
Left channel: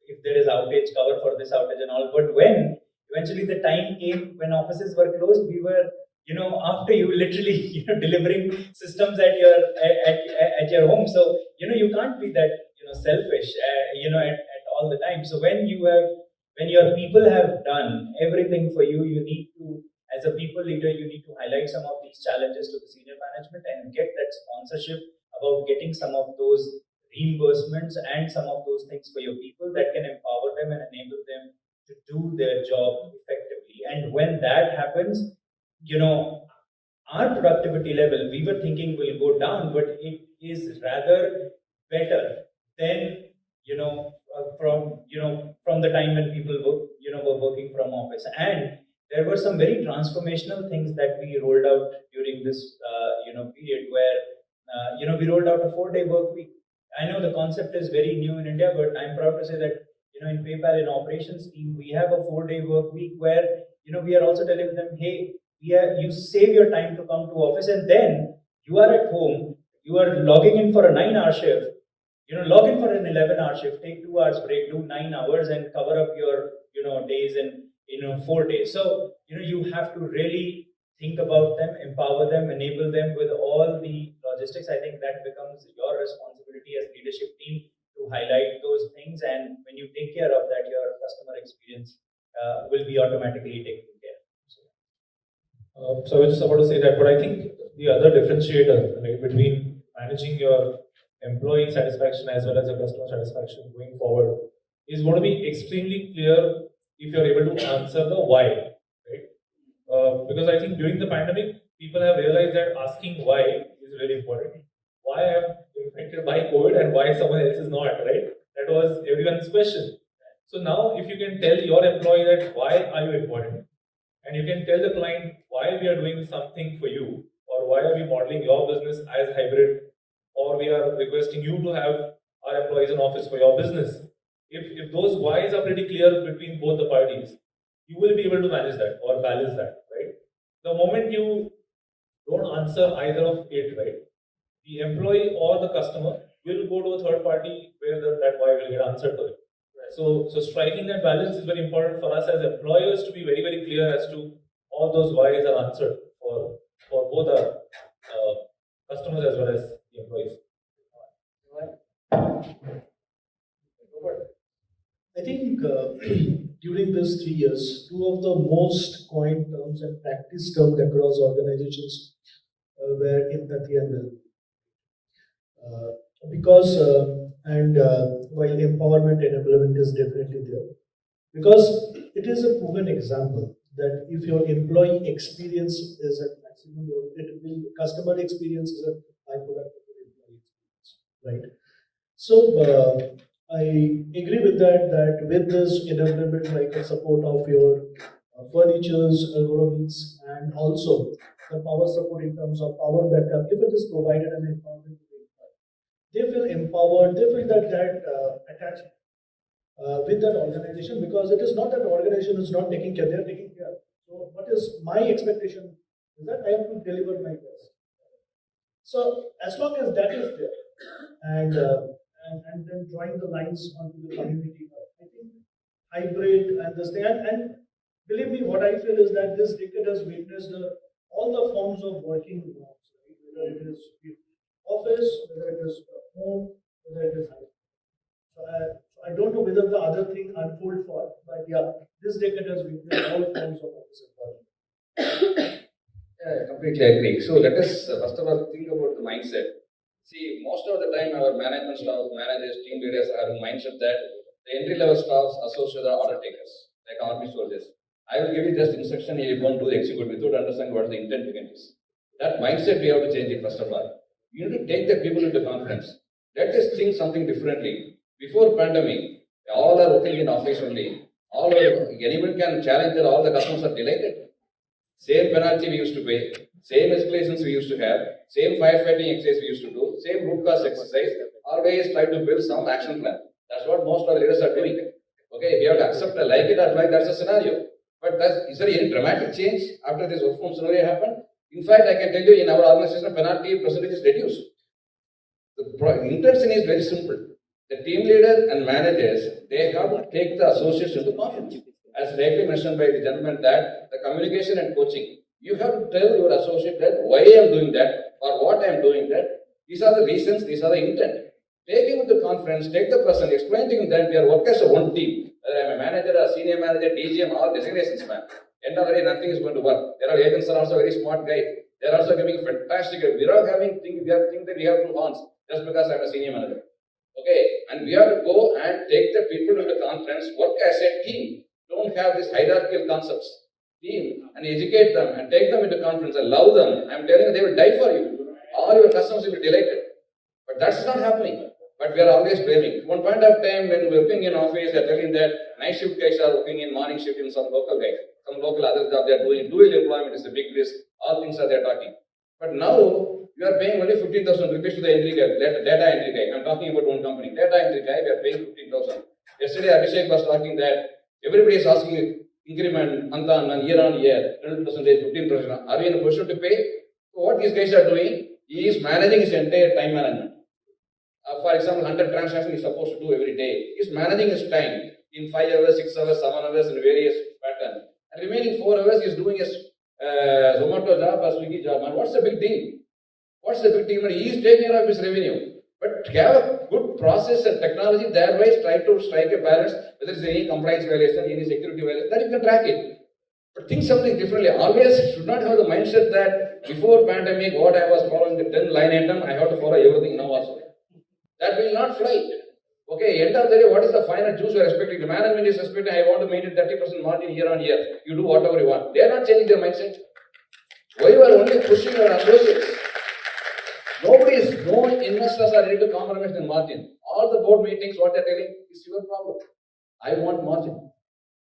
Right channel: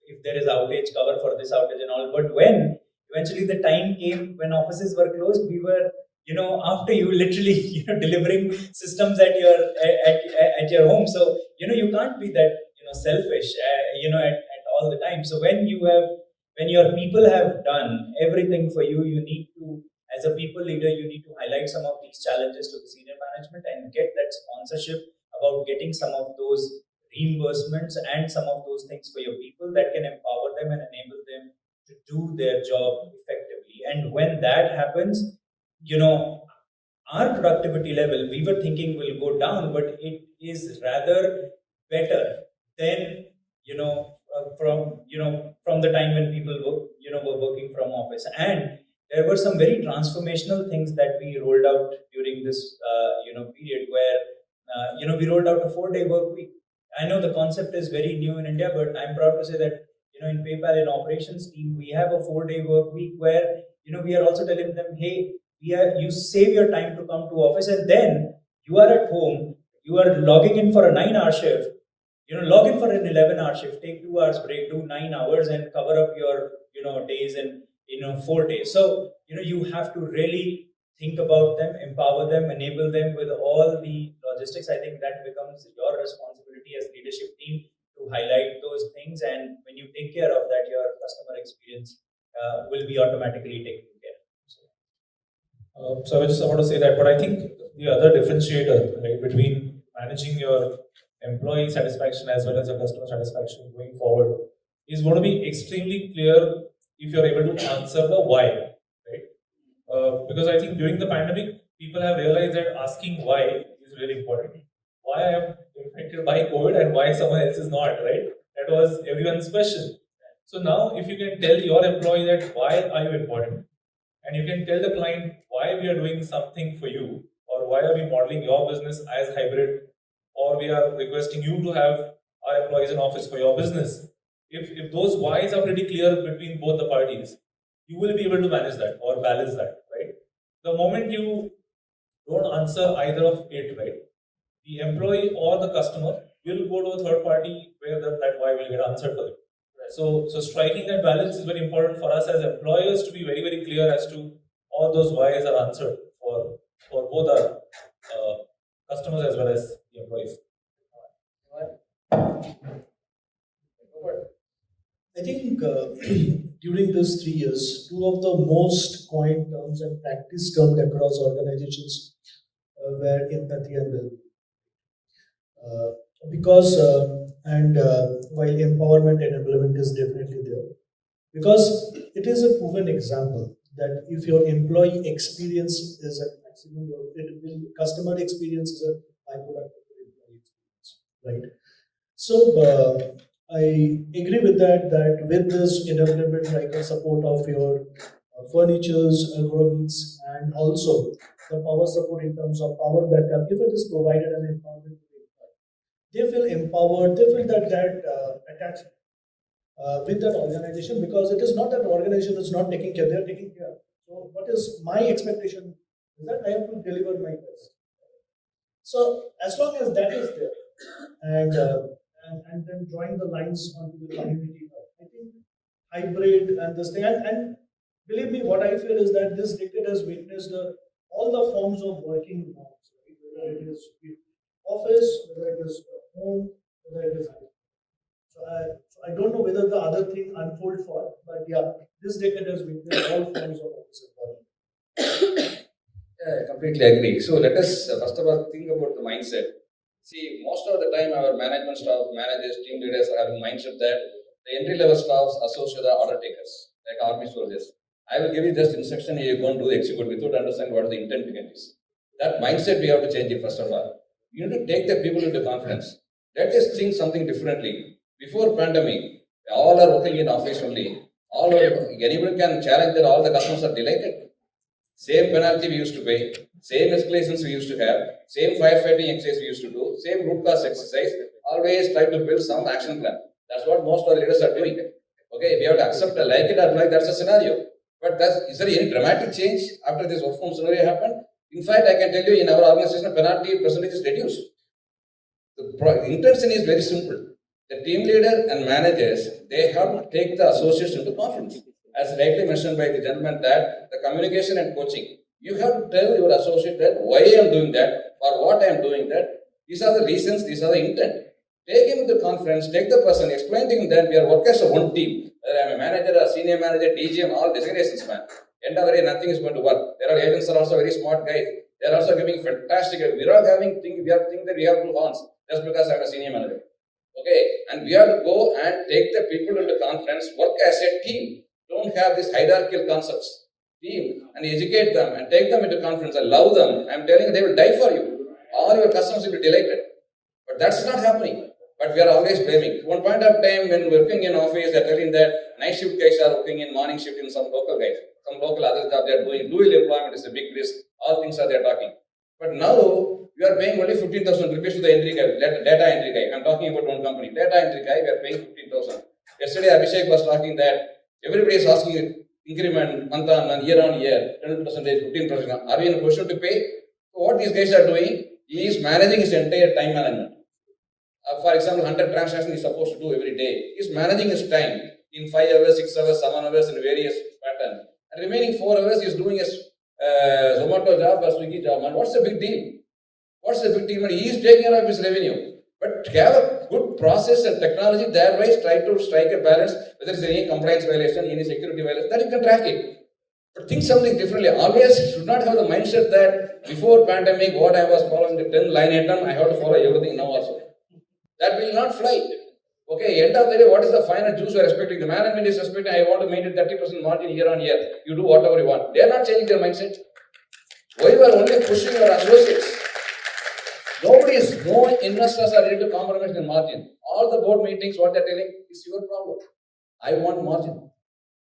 if there is outage, cover for this outage and all. But when eventually the time came when offices were closed, we were, after you literally, delivering systems at your home. So, you can't be that, selfish, at all the time. So when your people have done everything for you, you need to, as a people leader, you need to highlight some of these challenges to the senior management and get that sponsorship about getting some of those reimbursements and some of those things for your people that can empower them and enable them to do their job effectively. And when that happens, our productivity level, we were thinking will go down, but it is rather better than, from the time when people were working from office. And there were some very transformational things that we rolled out during this, period where, we rolled out a 4-day work week. I know the concept is very new in India, but I'm proud to say that, in PayPal, in operations team, we have a 4-day work week where, we are also telling them, hey, you save your time to come to office, and then you are at home, you are logging in for a 9-hour shift, log in for an 11-hour shift, take 2 hours break, do 9 hours and cover up your, days in, 4 days. So, you have to really think about them, empower them, enable them with all the logistics. I think that becomes your responsibility as leadership team to highlight those things. And when you take care of that, your customer experience will be automatically taken care of. So I was just about to say that, but I think the other differentiator, right, between managing your employee satisfaction as well as your customer satisfaction going forward is going to be extremely clear if you're able to answer the why, right? Because I think during the pandemic, people have realized that asking why is really important. Why I am infected by COVID and why someone else is not, right? That was everyone's question. So now, if you can tell your employee that why are you important, and you can tell the client why we are doing something for you, or why are we modeling your business as hybrid, or we are requesting you to have our employees in office for your business. If those whys are pretty clear between both the parties, you will be able to manage that or balance that, right? The moment you don't answer either of it, right, the employee or the customer we'll go to a third party where that why will get answered to it. So striking that balance is very important for us as employers to be very, very clear as to all those whys are answered for both our customers as well as the employees. I think during these 3 years, two of the most coined terms and practice terms across organizations were empathy and well-being. While empowerment and implement is definitely there, because it is a proven example that if your employee experience is at maximum, customer experience is a byproduct of your employee experience, right? So I agree with that with this enablement, like a support of your furnitures, ergonomics, and also the power support in terms of power backup, if it is provided and empowerment to the employee, they feel empowered, they feel that attachment with that organization, because it is not that the organization is not taking care, they are taking care. So what is my expectation is that I have to deliver my best. So as long as that is there, and then drawing the lines onto the community, I think hybrid and this thing, and believe me, what I feel is that this decade has witnessed all the forms of working norms, right? Whether it is office, whether it is home, whether it is hybrid. So I don't know whether the other thing unfold for, but yeah, this decade has witnessed all forms of office employment. Yeah, I completely agree. So let us first of all think about the mindset. See, most of the time our management staff, managers, team leaders are having mindset that the entry-level staffs, associates, are order takers, like army soldiers. I will give you just instruction, you go and do the execute without understanding what the intent behind is. That mindset we have to change it first of all. You need to take the people into confidence. Let us think something differently. Before pandemic, all are working in office only. Anybody can challenge that all the customers are delighted. Same penalty we used to pay, same escalations we used to have, same firefighting exercise we used to do, same root cause exercise, always try to build some action plan. That's what most of our leaders are doing. Okay, we have to accept like it or like that's a scenario. But is there any dramatic change after this work from scenario happened? In fact, I can tell you in our organization, penalty percentage is reduced. The intention is very simple. The team leader and managers, they have to take the associates into confidence. As rightly mentioned by the gentleman, that the communication and coaching, you have to tell your associate that why I am doing that or what I am doing that. These are the reasons, these are the intent. Take him into conference, take the person, explain to him that we are working as a one team. I am a manager, a senior manager, DGM, all designations, man. End of the day, nothing is going to work. There are agents are also very smart guys. They are also giving fantastic. We are think that we have two horns just because I am a senior manager. Okay, and we have to go and take the people into conference, work as a team. Don't have these hierarchical concepts. Team and educate them and take them into conference and love them. I'm telling you, they will die for you. All your customers will be delighted. But that's not happening. But we are always blaming. One point of time when working in office, they're telling that night shift guys are working in morning shift in some local guys. Some local other job they're doing. Dual employment is a big risk. All things are they're talking. But now we are paying only 15,000 rupees to the entry guy, data entry guy. I'm talking about one company. Data entry guy, we are paying 15,000. Yesterday Abhishek was talking that everybody is asking increment month on month, year on year, 10%, 15%. Are we in a position to pay? So what these guys are doing, he is managing his entire time management. For example, 100 transactions he is supposed to do every day. He is managing his time in 5 hours, 6 hours, 7 hours in various patterns. And remaining 4 hours he is doing his Zomato job or Swiggy job. And what's the big deal? What's the big deal? He is taking care of his revenue. But have a good process and technology, thereby try to strike a balance, whether there is any compliance violation, any security violation, that you can track it. But think something differently. Always should not have the mindset that before pandemic, what I was following the 10 line item, I have to follow everything now also. That will not fly. Okay, end of the day, what is the final juice you are expecting? The management is expecting, I want to maintain 30% margin year on year. You do whatever you want. They are not changing their mindset. Why you are only pushing your associates? No investors are ready to compromise their margin. All the board meetings, what they are telling is your problem. I want margin.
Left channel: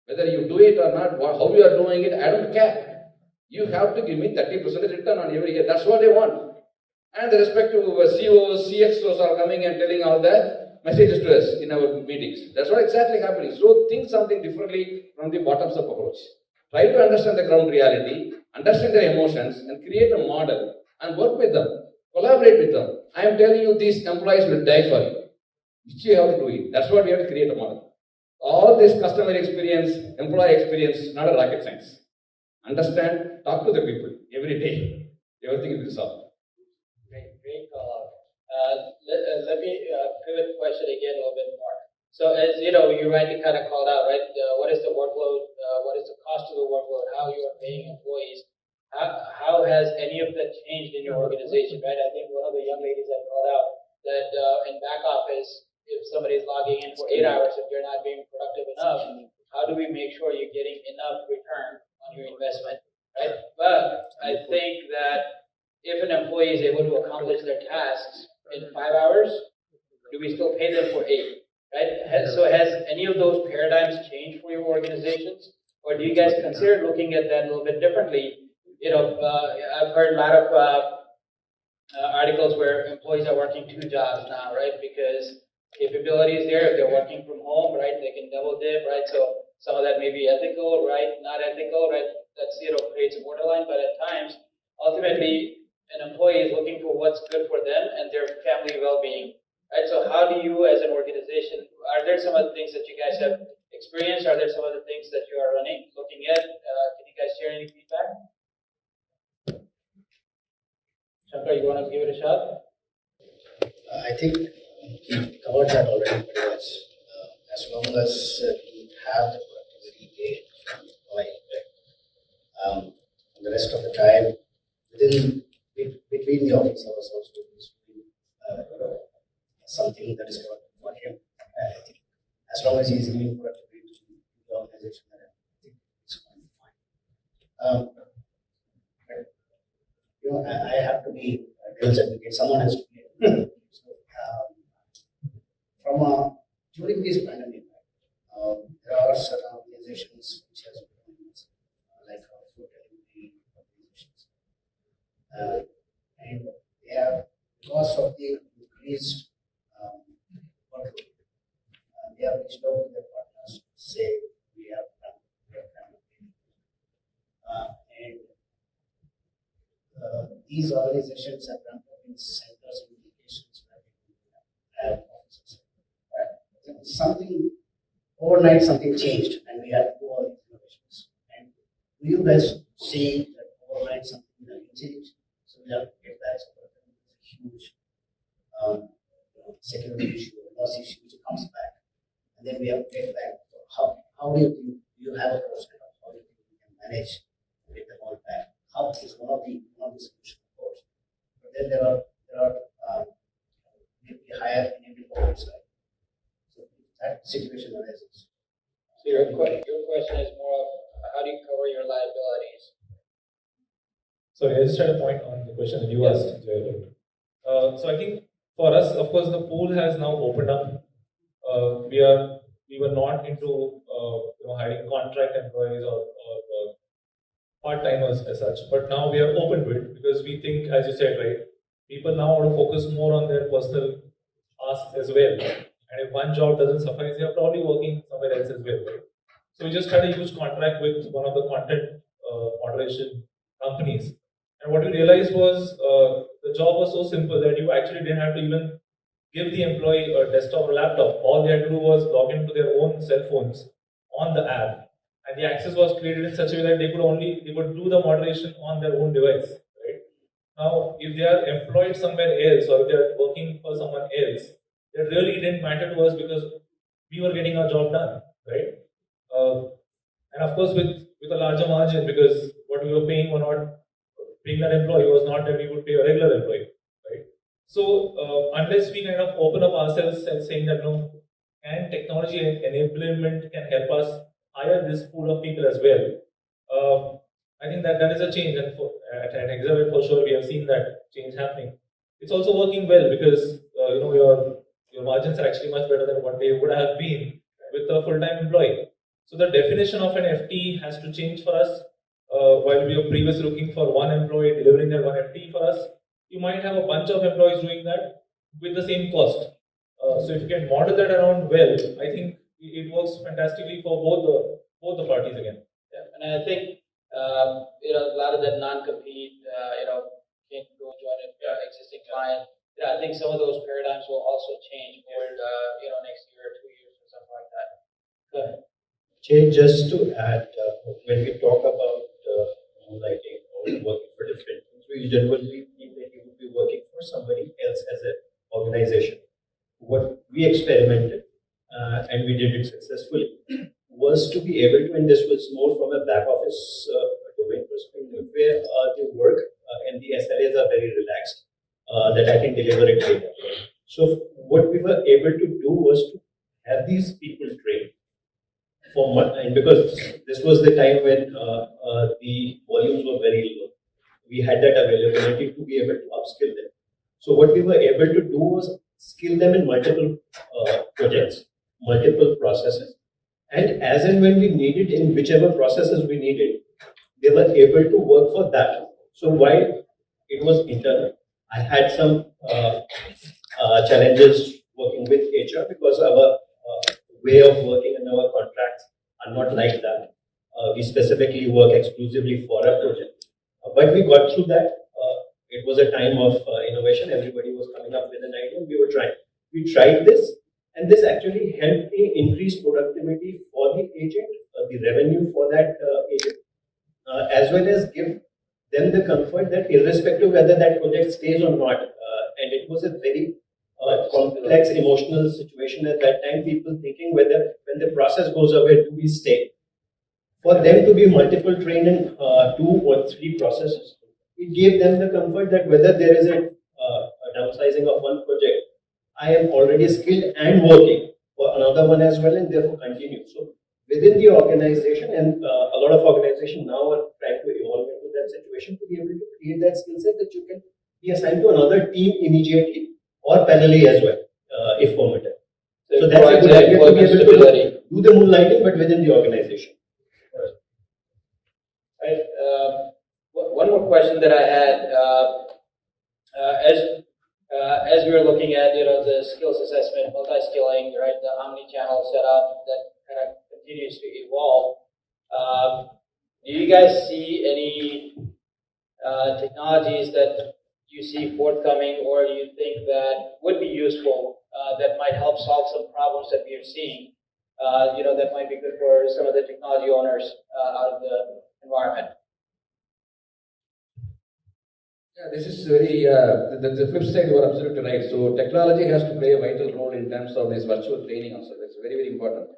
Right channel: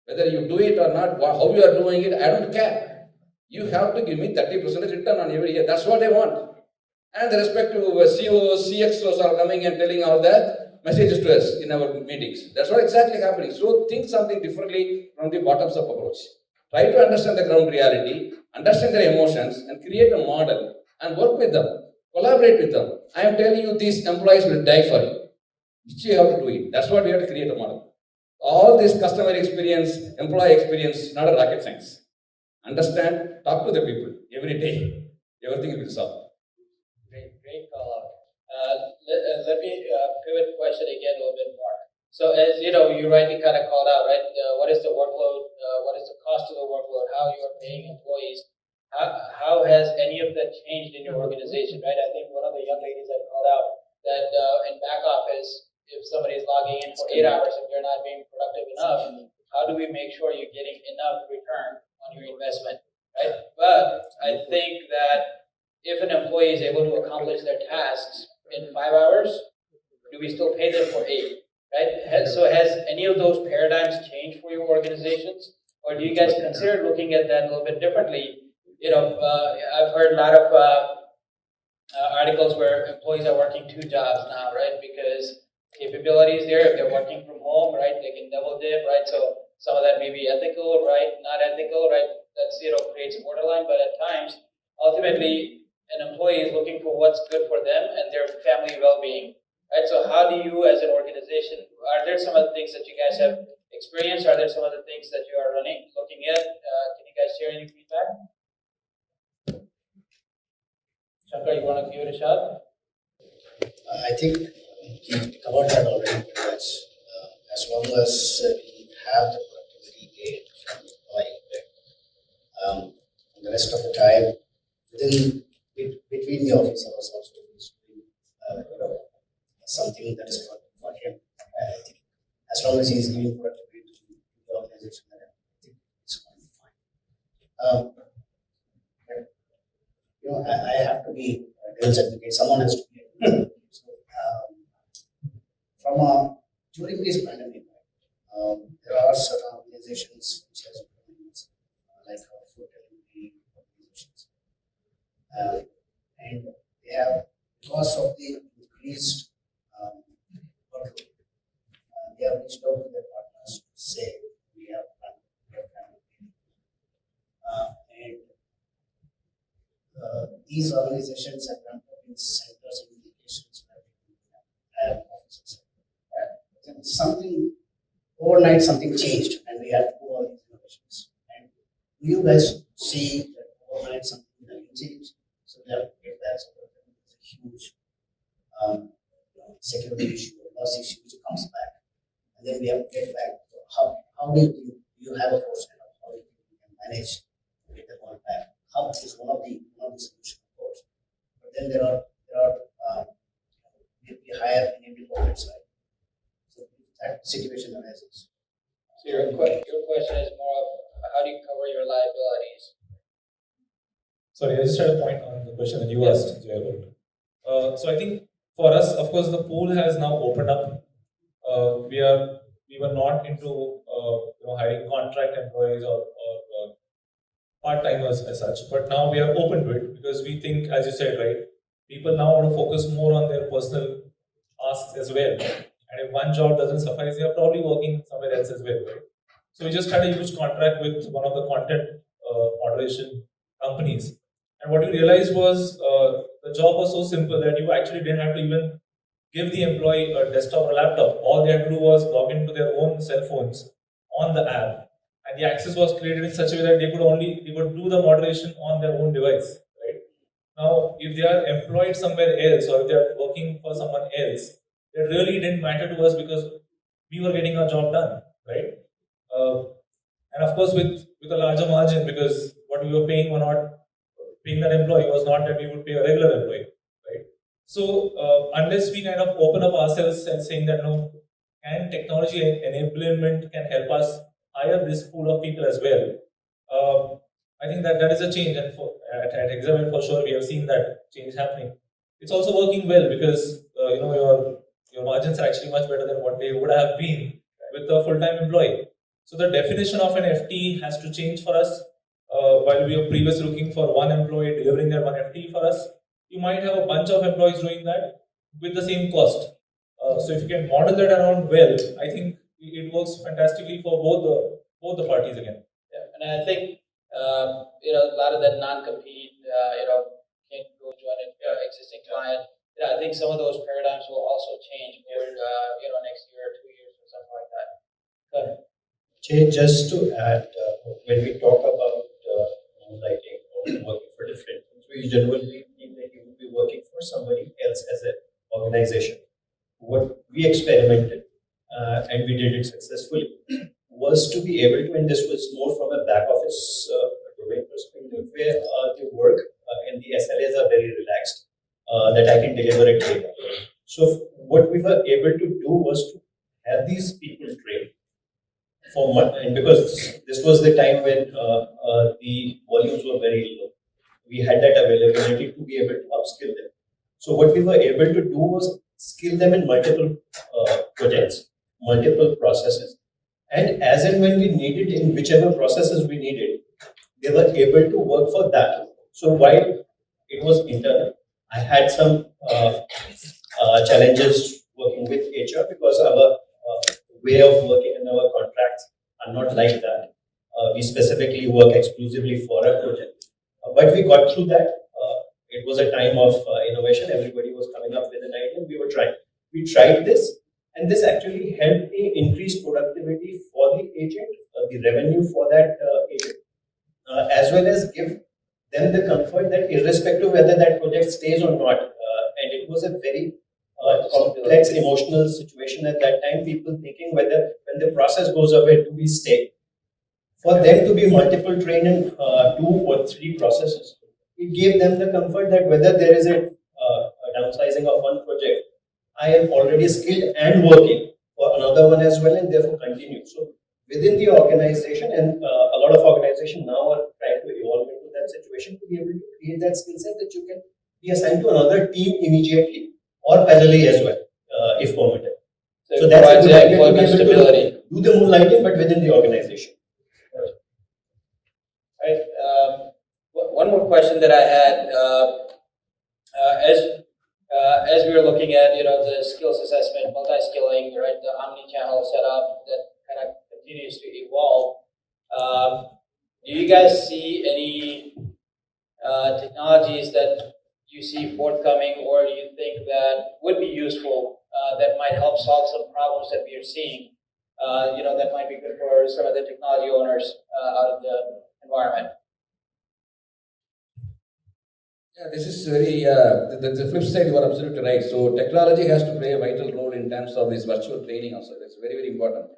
Whether you do it or not, how you are doing it, I don't care. You have to give me 30% return on every year. That's what they want. And the respective CEOs, CXOs are coming and telling all that messages to us in our meetings. That's what exactly happening. So think something differently from the bottoms up approach. Try to understand the ground reality, understand their emotions, and create a model and work with them. Collaborate with them. I am telling you, these employees will die for you. Which you have to do it. That's what we have to create a model. All this customer experience, employee experience, not a rocket science. Understand, talk to the people every day. Everything will be solved. Great call. Let me pivot question again a little bit more. So as you know, you rightly kind of called out, right? What is the workload? What is the cost of the workload? How you are paying employees? How has any of that changed in your organization, right? I think one of the young ladies that called out that in back office, if somebody is logging in for 8 hours, if they're not being productive enough, how do we make sure you're getting enough return on your investment, right? But I think that if an employee is able to accomplish their tasks in 5 hours, do we still pay them for 8? Right? So has any of those paradigms changed for your organizations, or do you guys consider looking at that a little bit differently? You know, I've heard a lot of articles where employees are working 2 jobs now, right? Because capability is there. If they're working from home, right, they can double dip, right? So some of that may be ethical, right? Not ethical, right? That's creates a borderline. But at times, ultimately, an employee is looking for what's good for them and their family well-being. Right, so how do you as an organization, are there some other things that you guys have experienced? Are there some other things that you are looking at? Can you guys share any feedback? Shankar, you want to give it a shot? I think we covered that already pretty much. As long as we have the productivity gain from the employee, right? The rest of the time, between the office hours also, something that is important for him. I think as long as he is giving productivity to the organization, I think it's going to be fine. But, I have to be devil's advocate. Someone has to be. During this pandemic, there are certain organizations which has like food delivery organizations, and they have, because of the increased workload, they have reached out to their partners to say we have done. These organizations have done in centers and locations where people have offices. Something overnight, something changed, and we have to do all these innovations. And do you guys see that overnight something will change? So we have to get that. So that it's a huge security issue, loss issue, which comes back, and then we have to get back. How do you think you have a foresight of how you think you can manage to get them all back? How is one of the solutions, of course, but then there are maybe higher in every corporate side. So that situation arises. So your question is more of how do you cover your liabilities? Sorry, I just had a point on the question that you asked, Jay. So I think for us, of course, the pool has now opened up. We were not into hiring contract employees or part-timers as such, but now we are open to it because we think, as you said, right, people now want to focus more on their personal asks as well. And if one job doesn't suffice, they are probably working somewhere else as well, right? So we just had a huge contract with one of the content moderation companies. And what we realized was the job was so simple that you actually didn't have to even give the employee a desktop or laptop. All they had to do was log into their own cell phones on the app. And the access was created in such a way that they could do the moderation on their own device, right? Now, if they are employed somewhere else or if they are working for someone else, it really didn't matter to us because we were getting our job done, right? And of course, with a larger margin, because what we were paying were not paying that employee was not that we would pay a regular employee, right? So unless we kind of open up ourselves and saying that no, and technology enablement can help us hire this pool of people as well. I think that is a change, and at Hexaware for sure we have seen that change happening. It's also working well because your margins are actually much better than what they would have been with a full-time employee. So the definition of an FT has to change for us. While we were previously looking for one employee delivering their one FT for us, you might have a bunch of employees doing that with the same cost. So if you can model that around well, I think it works fantastically for both the parties again. Yeah, and I think a lot of that non-compete, can't go join an existing client. Yeah, I think think some of those paradigms will also change over, next year or 2 years or something like that. Good. Jay, just to add, when we talk about moonlighting or working for different things, we generally think that you would be working for somebody else as an organization. What we experimented, and we did it successfully, was to be able to, and this was more from a back office domain perspective, where the work and the SLAs are very relaxed, that I can deliver it later. So what we were able to do was to have these people trained for month, and because this was the time when the volumes were very low, we had that availability to be able to upskill them. So what we were able to do was skill them in multiple projects, multiple processes, and as and when we needed, in whichever processes we needed, they were able to work for that. So while it was internal, I had some challenges working with HR because our way of working and our contracts are not like that. We specifically work exclusively for a project. But we got through that. It was a time of innovation. Everybody was coming up with an idea and we were trying. We tried this, and this actually helped me increase productivity for the agent, the revenue for that agent, as well as give them the comfort that irrespective of whether that project stays or not, and it was a very complex emotional situation at that time, people thinking whether when the process goes away, do we stay? For them to be multiple trained in 2 or 3 processes, it gave them the comfort that whether there is a downsizing of one project, I am already skilled and working for another one as well, and therefore continue. So within the organization, and a lot of organizations now are trying to evolve into that situation to be able to create that skill set that you can be assigned to another team immediately or parallelly as well, if permitted. So that's a good idea to be able to do the moonlighting, but within the organization. Right. One more question that I had, as we were looking at, the skills assessment, multi-skilling, right, the omni-channel setup that kind of continues to evolve. Do you guys see any technologies that you see forthcoming, or do you think that would be useful, that might help solve some problems that we are seeing, that might be good for some of the technology owners out of the environment? Yeah, this is very, the flip side, you are absolutely right. So technology has to play a vital role in terms of this virtual training also. That's very, very important.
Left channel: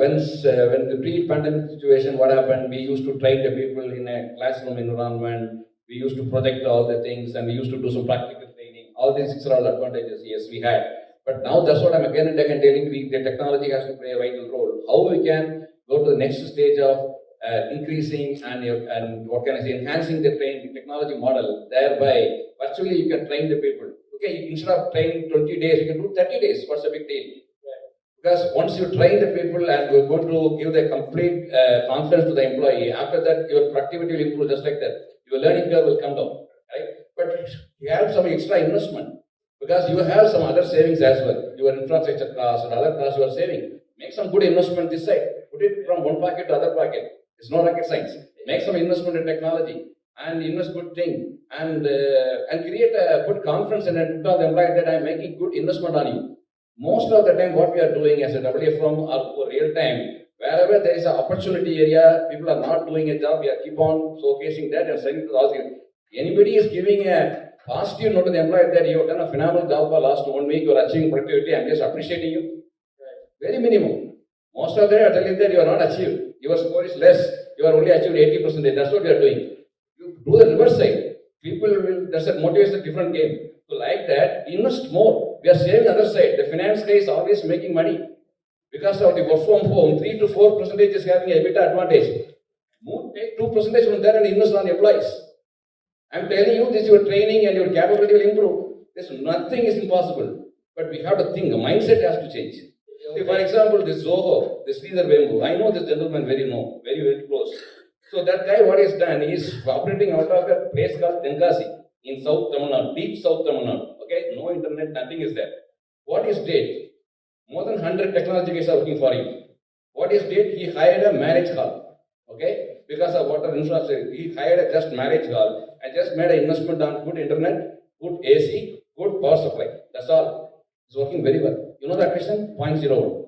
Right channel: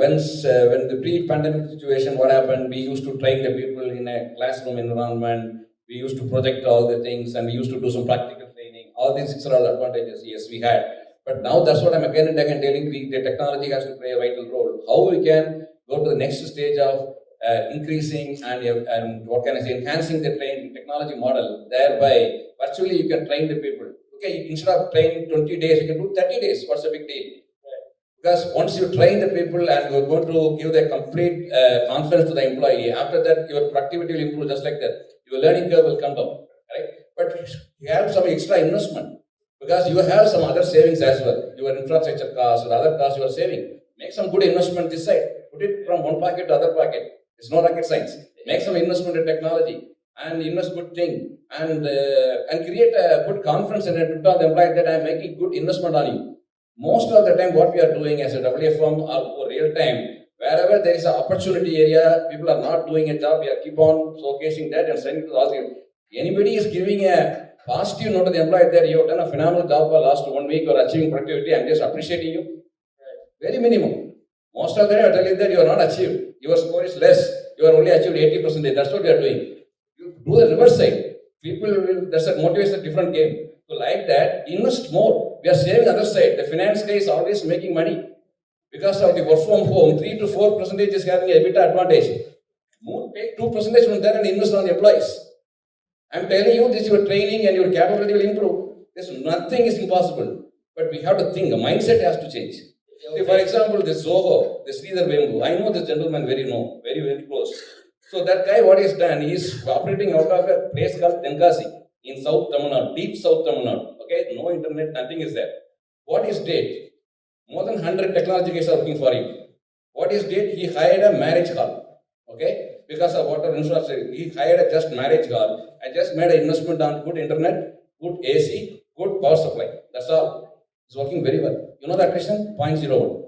When the pre-pandemic situation, what happened, we used to train the people in a classroom environment. We used to project all the things, and we used to do some practical training. All these are all advantages, yes, we had. But now that's what I'm again and again telling you, the technology has to play a vital role. How we can go to the next stage of increasing and what can I say, enhancing the technology model, thereby virtually you can train the people. Okay, instead of training 20 days, you can do 30 days. What's the big deal? Because once you train the people and you're going to give the complete confidence to the employee, after that your productivity will improve just like that. Your learning curve will come down, right? But you have some extra investment because you have some other savings as well. Your infrastructure costs or other costs you are saving. Make some good investment this side. Put it from one pocket to other pocket. It's no rocket science. Make some investment in technology and invest good thing and create a good confidence and put on the employee that I'm making good investment on you. Most of the time, what we are doing as a WFM or real time, wherever there is an opportunity area, people are not doing a job, we are keep on showcasing that and sending it to the audience. Anybody is giving a positive note to the employee that you have done a phenomenal job for last 1 week, you are achieving productivity, I'm just appreciating you. Very minimum. Most of the time, I tell you that you are not achieved. Your score is less. You are only achieved 80%. That's what you are doing. You do the reverse side. People will, that's a motivation, different game. So like that, invest more. We are saving other side. The finance guy is always making money. Because of the work from home, 3 to 4% is having a bit advantage. Take 2% from there and invest on the employees. I'm telling you this, your training and your capability will improve. There's nothing is impossible. But we have to think, the mindset has to change. See, for example, this Zoho, this Sridhar Vembu, I know this gentleman very close. So that guy, what he's done, is operating out of a place called Tenkasi in South Tamil Nadu, deep South Tamil Nadu. Okay, no internet, nothing is there. What is did? More than 100 technology guys are working for him. What is did? He hired a marriage hall. Okay, because of water infrastructure, he hired a just marriage hall. I just made an investment on good internet, good AC, good power supply. That's all. It's working very well. You know that question? 0.01.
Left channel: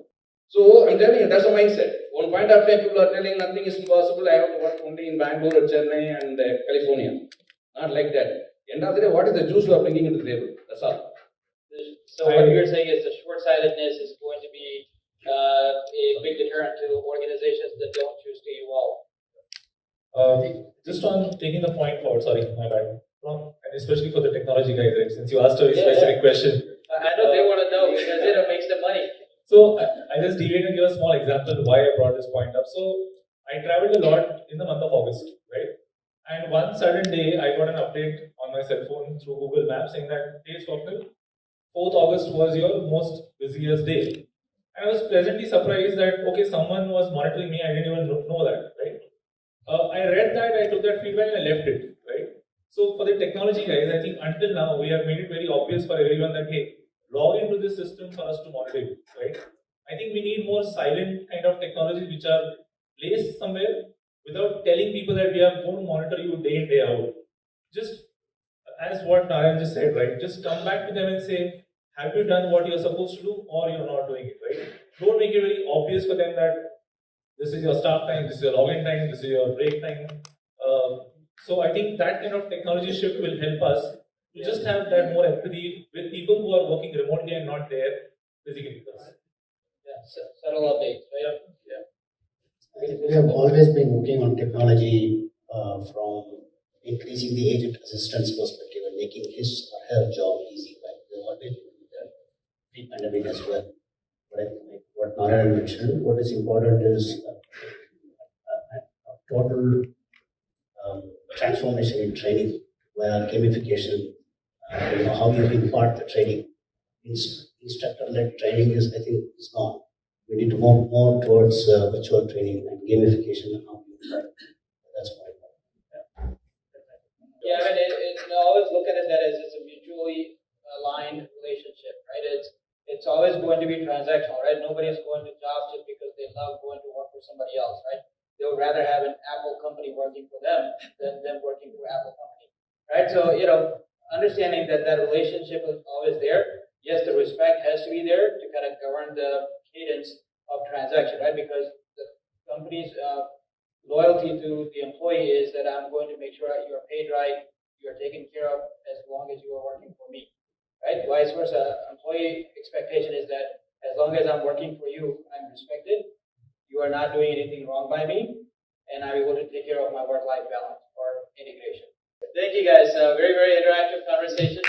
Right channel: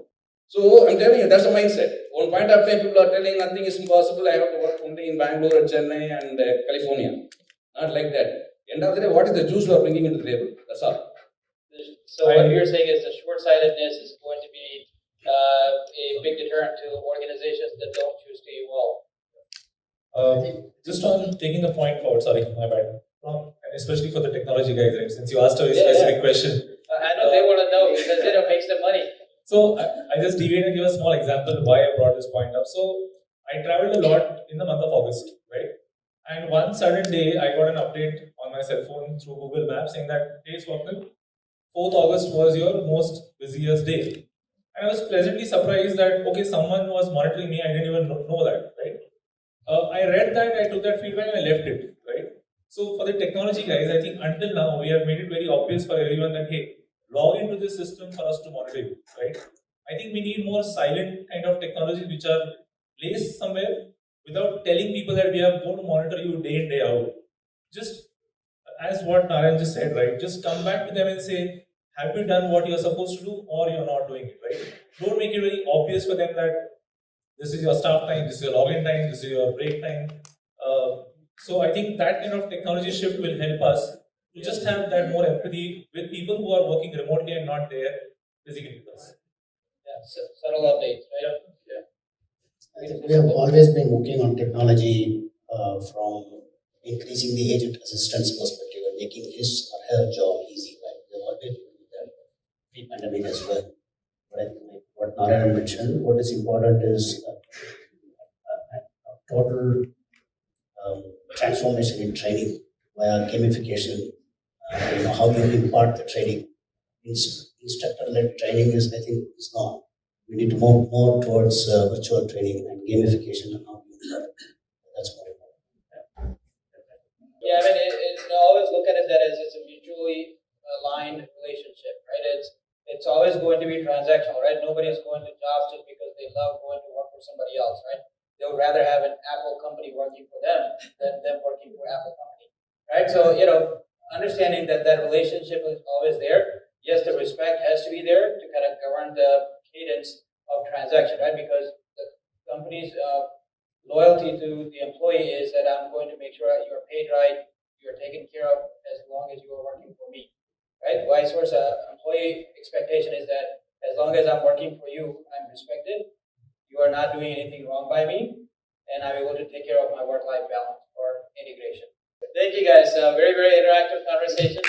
So I'm telling you, that's a mindset. One point of time, people are telling nothing is impossible. I have to work only in Bangalore, Chennai, and California. Not like that. End of the day, what is the juice you are bringing into the table? That's all. So what you're saying is the short-sightedness is going to be a big deterrent to organizations that don't choose to evolve. Just on taking the point forward, sorry, my bad. And especially for the technology guys, right? Since you asked a very specific question. I know they want to know because it makes them money. So I just deviate and give a small example why I brought this point up. So I traveled a lot in the month of August, right? And one sudden day, I got an update on my cell phone through Google Maps saying that, hey, Swapnil, 4th August was your most busiest day. And I was pleasantly surprised that, okay, someone was monitoring me. I didn't even know that, right? I read that, I took that feedback and I left it, right? So for the technology guys, I think until now, we have made it very obvious for everyone that, hey, log into this system for us to monitor you, right? I think we need more silent kind of technologies which are placed somewhere without telling people that we are going to monitor you day in, day out. Just as what Narayan just said, right? Just come back to them and say, have you done what you're supposed to do or you're not doing it, right? Don't make it very obvious for them that this is your start time, this is your login time, this is your break time. So I think that kind of technology shift will help us to just have that more empathy with people who are working remotely and not there physically with us. Yeah, subtle updates, right? Yeah. We have always been working on technology from increasing the agent assistance perspective and making his or her job easy. Right? We have always been doing that pre-pandemic as well. Right? Like what Narayan mentioned, what is important is total transformation in training via gamification. How you impart the training. Instructor-led training is, I think, is gone. We need to move more towards virtual training and gamification and how you impart. That's my point. Yeah, I mean, I always look at it that as it's a mutually aligned relationship, right? It's always going to be transactional, right? Nobody's going to jobs just because they love going to work for somebody else, right? They would rather have an Apple company working for them than them working for Apple company, right? So, understanding that that relationship is always there. Yes, the respect has to be there to kind of govern the cadence of transaction, right? Because the company's loyalty to the employee is that I'm going to make sure you are paid right, you are taken care of as long as you are working for me, right? Vice versa, employee expectation is that as long as I'm working for you, I'm respected, you are not doing anything wrong by me, and I'm able to take care of my work-life balance or integration. Thank you guys, very, very interactive conversation.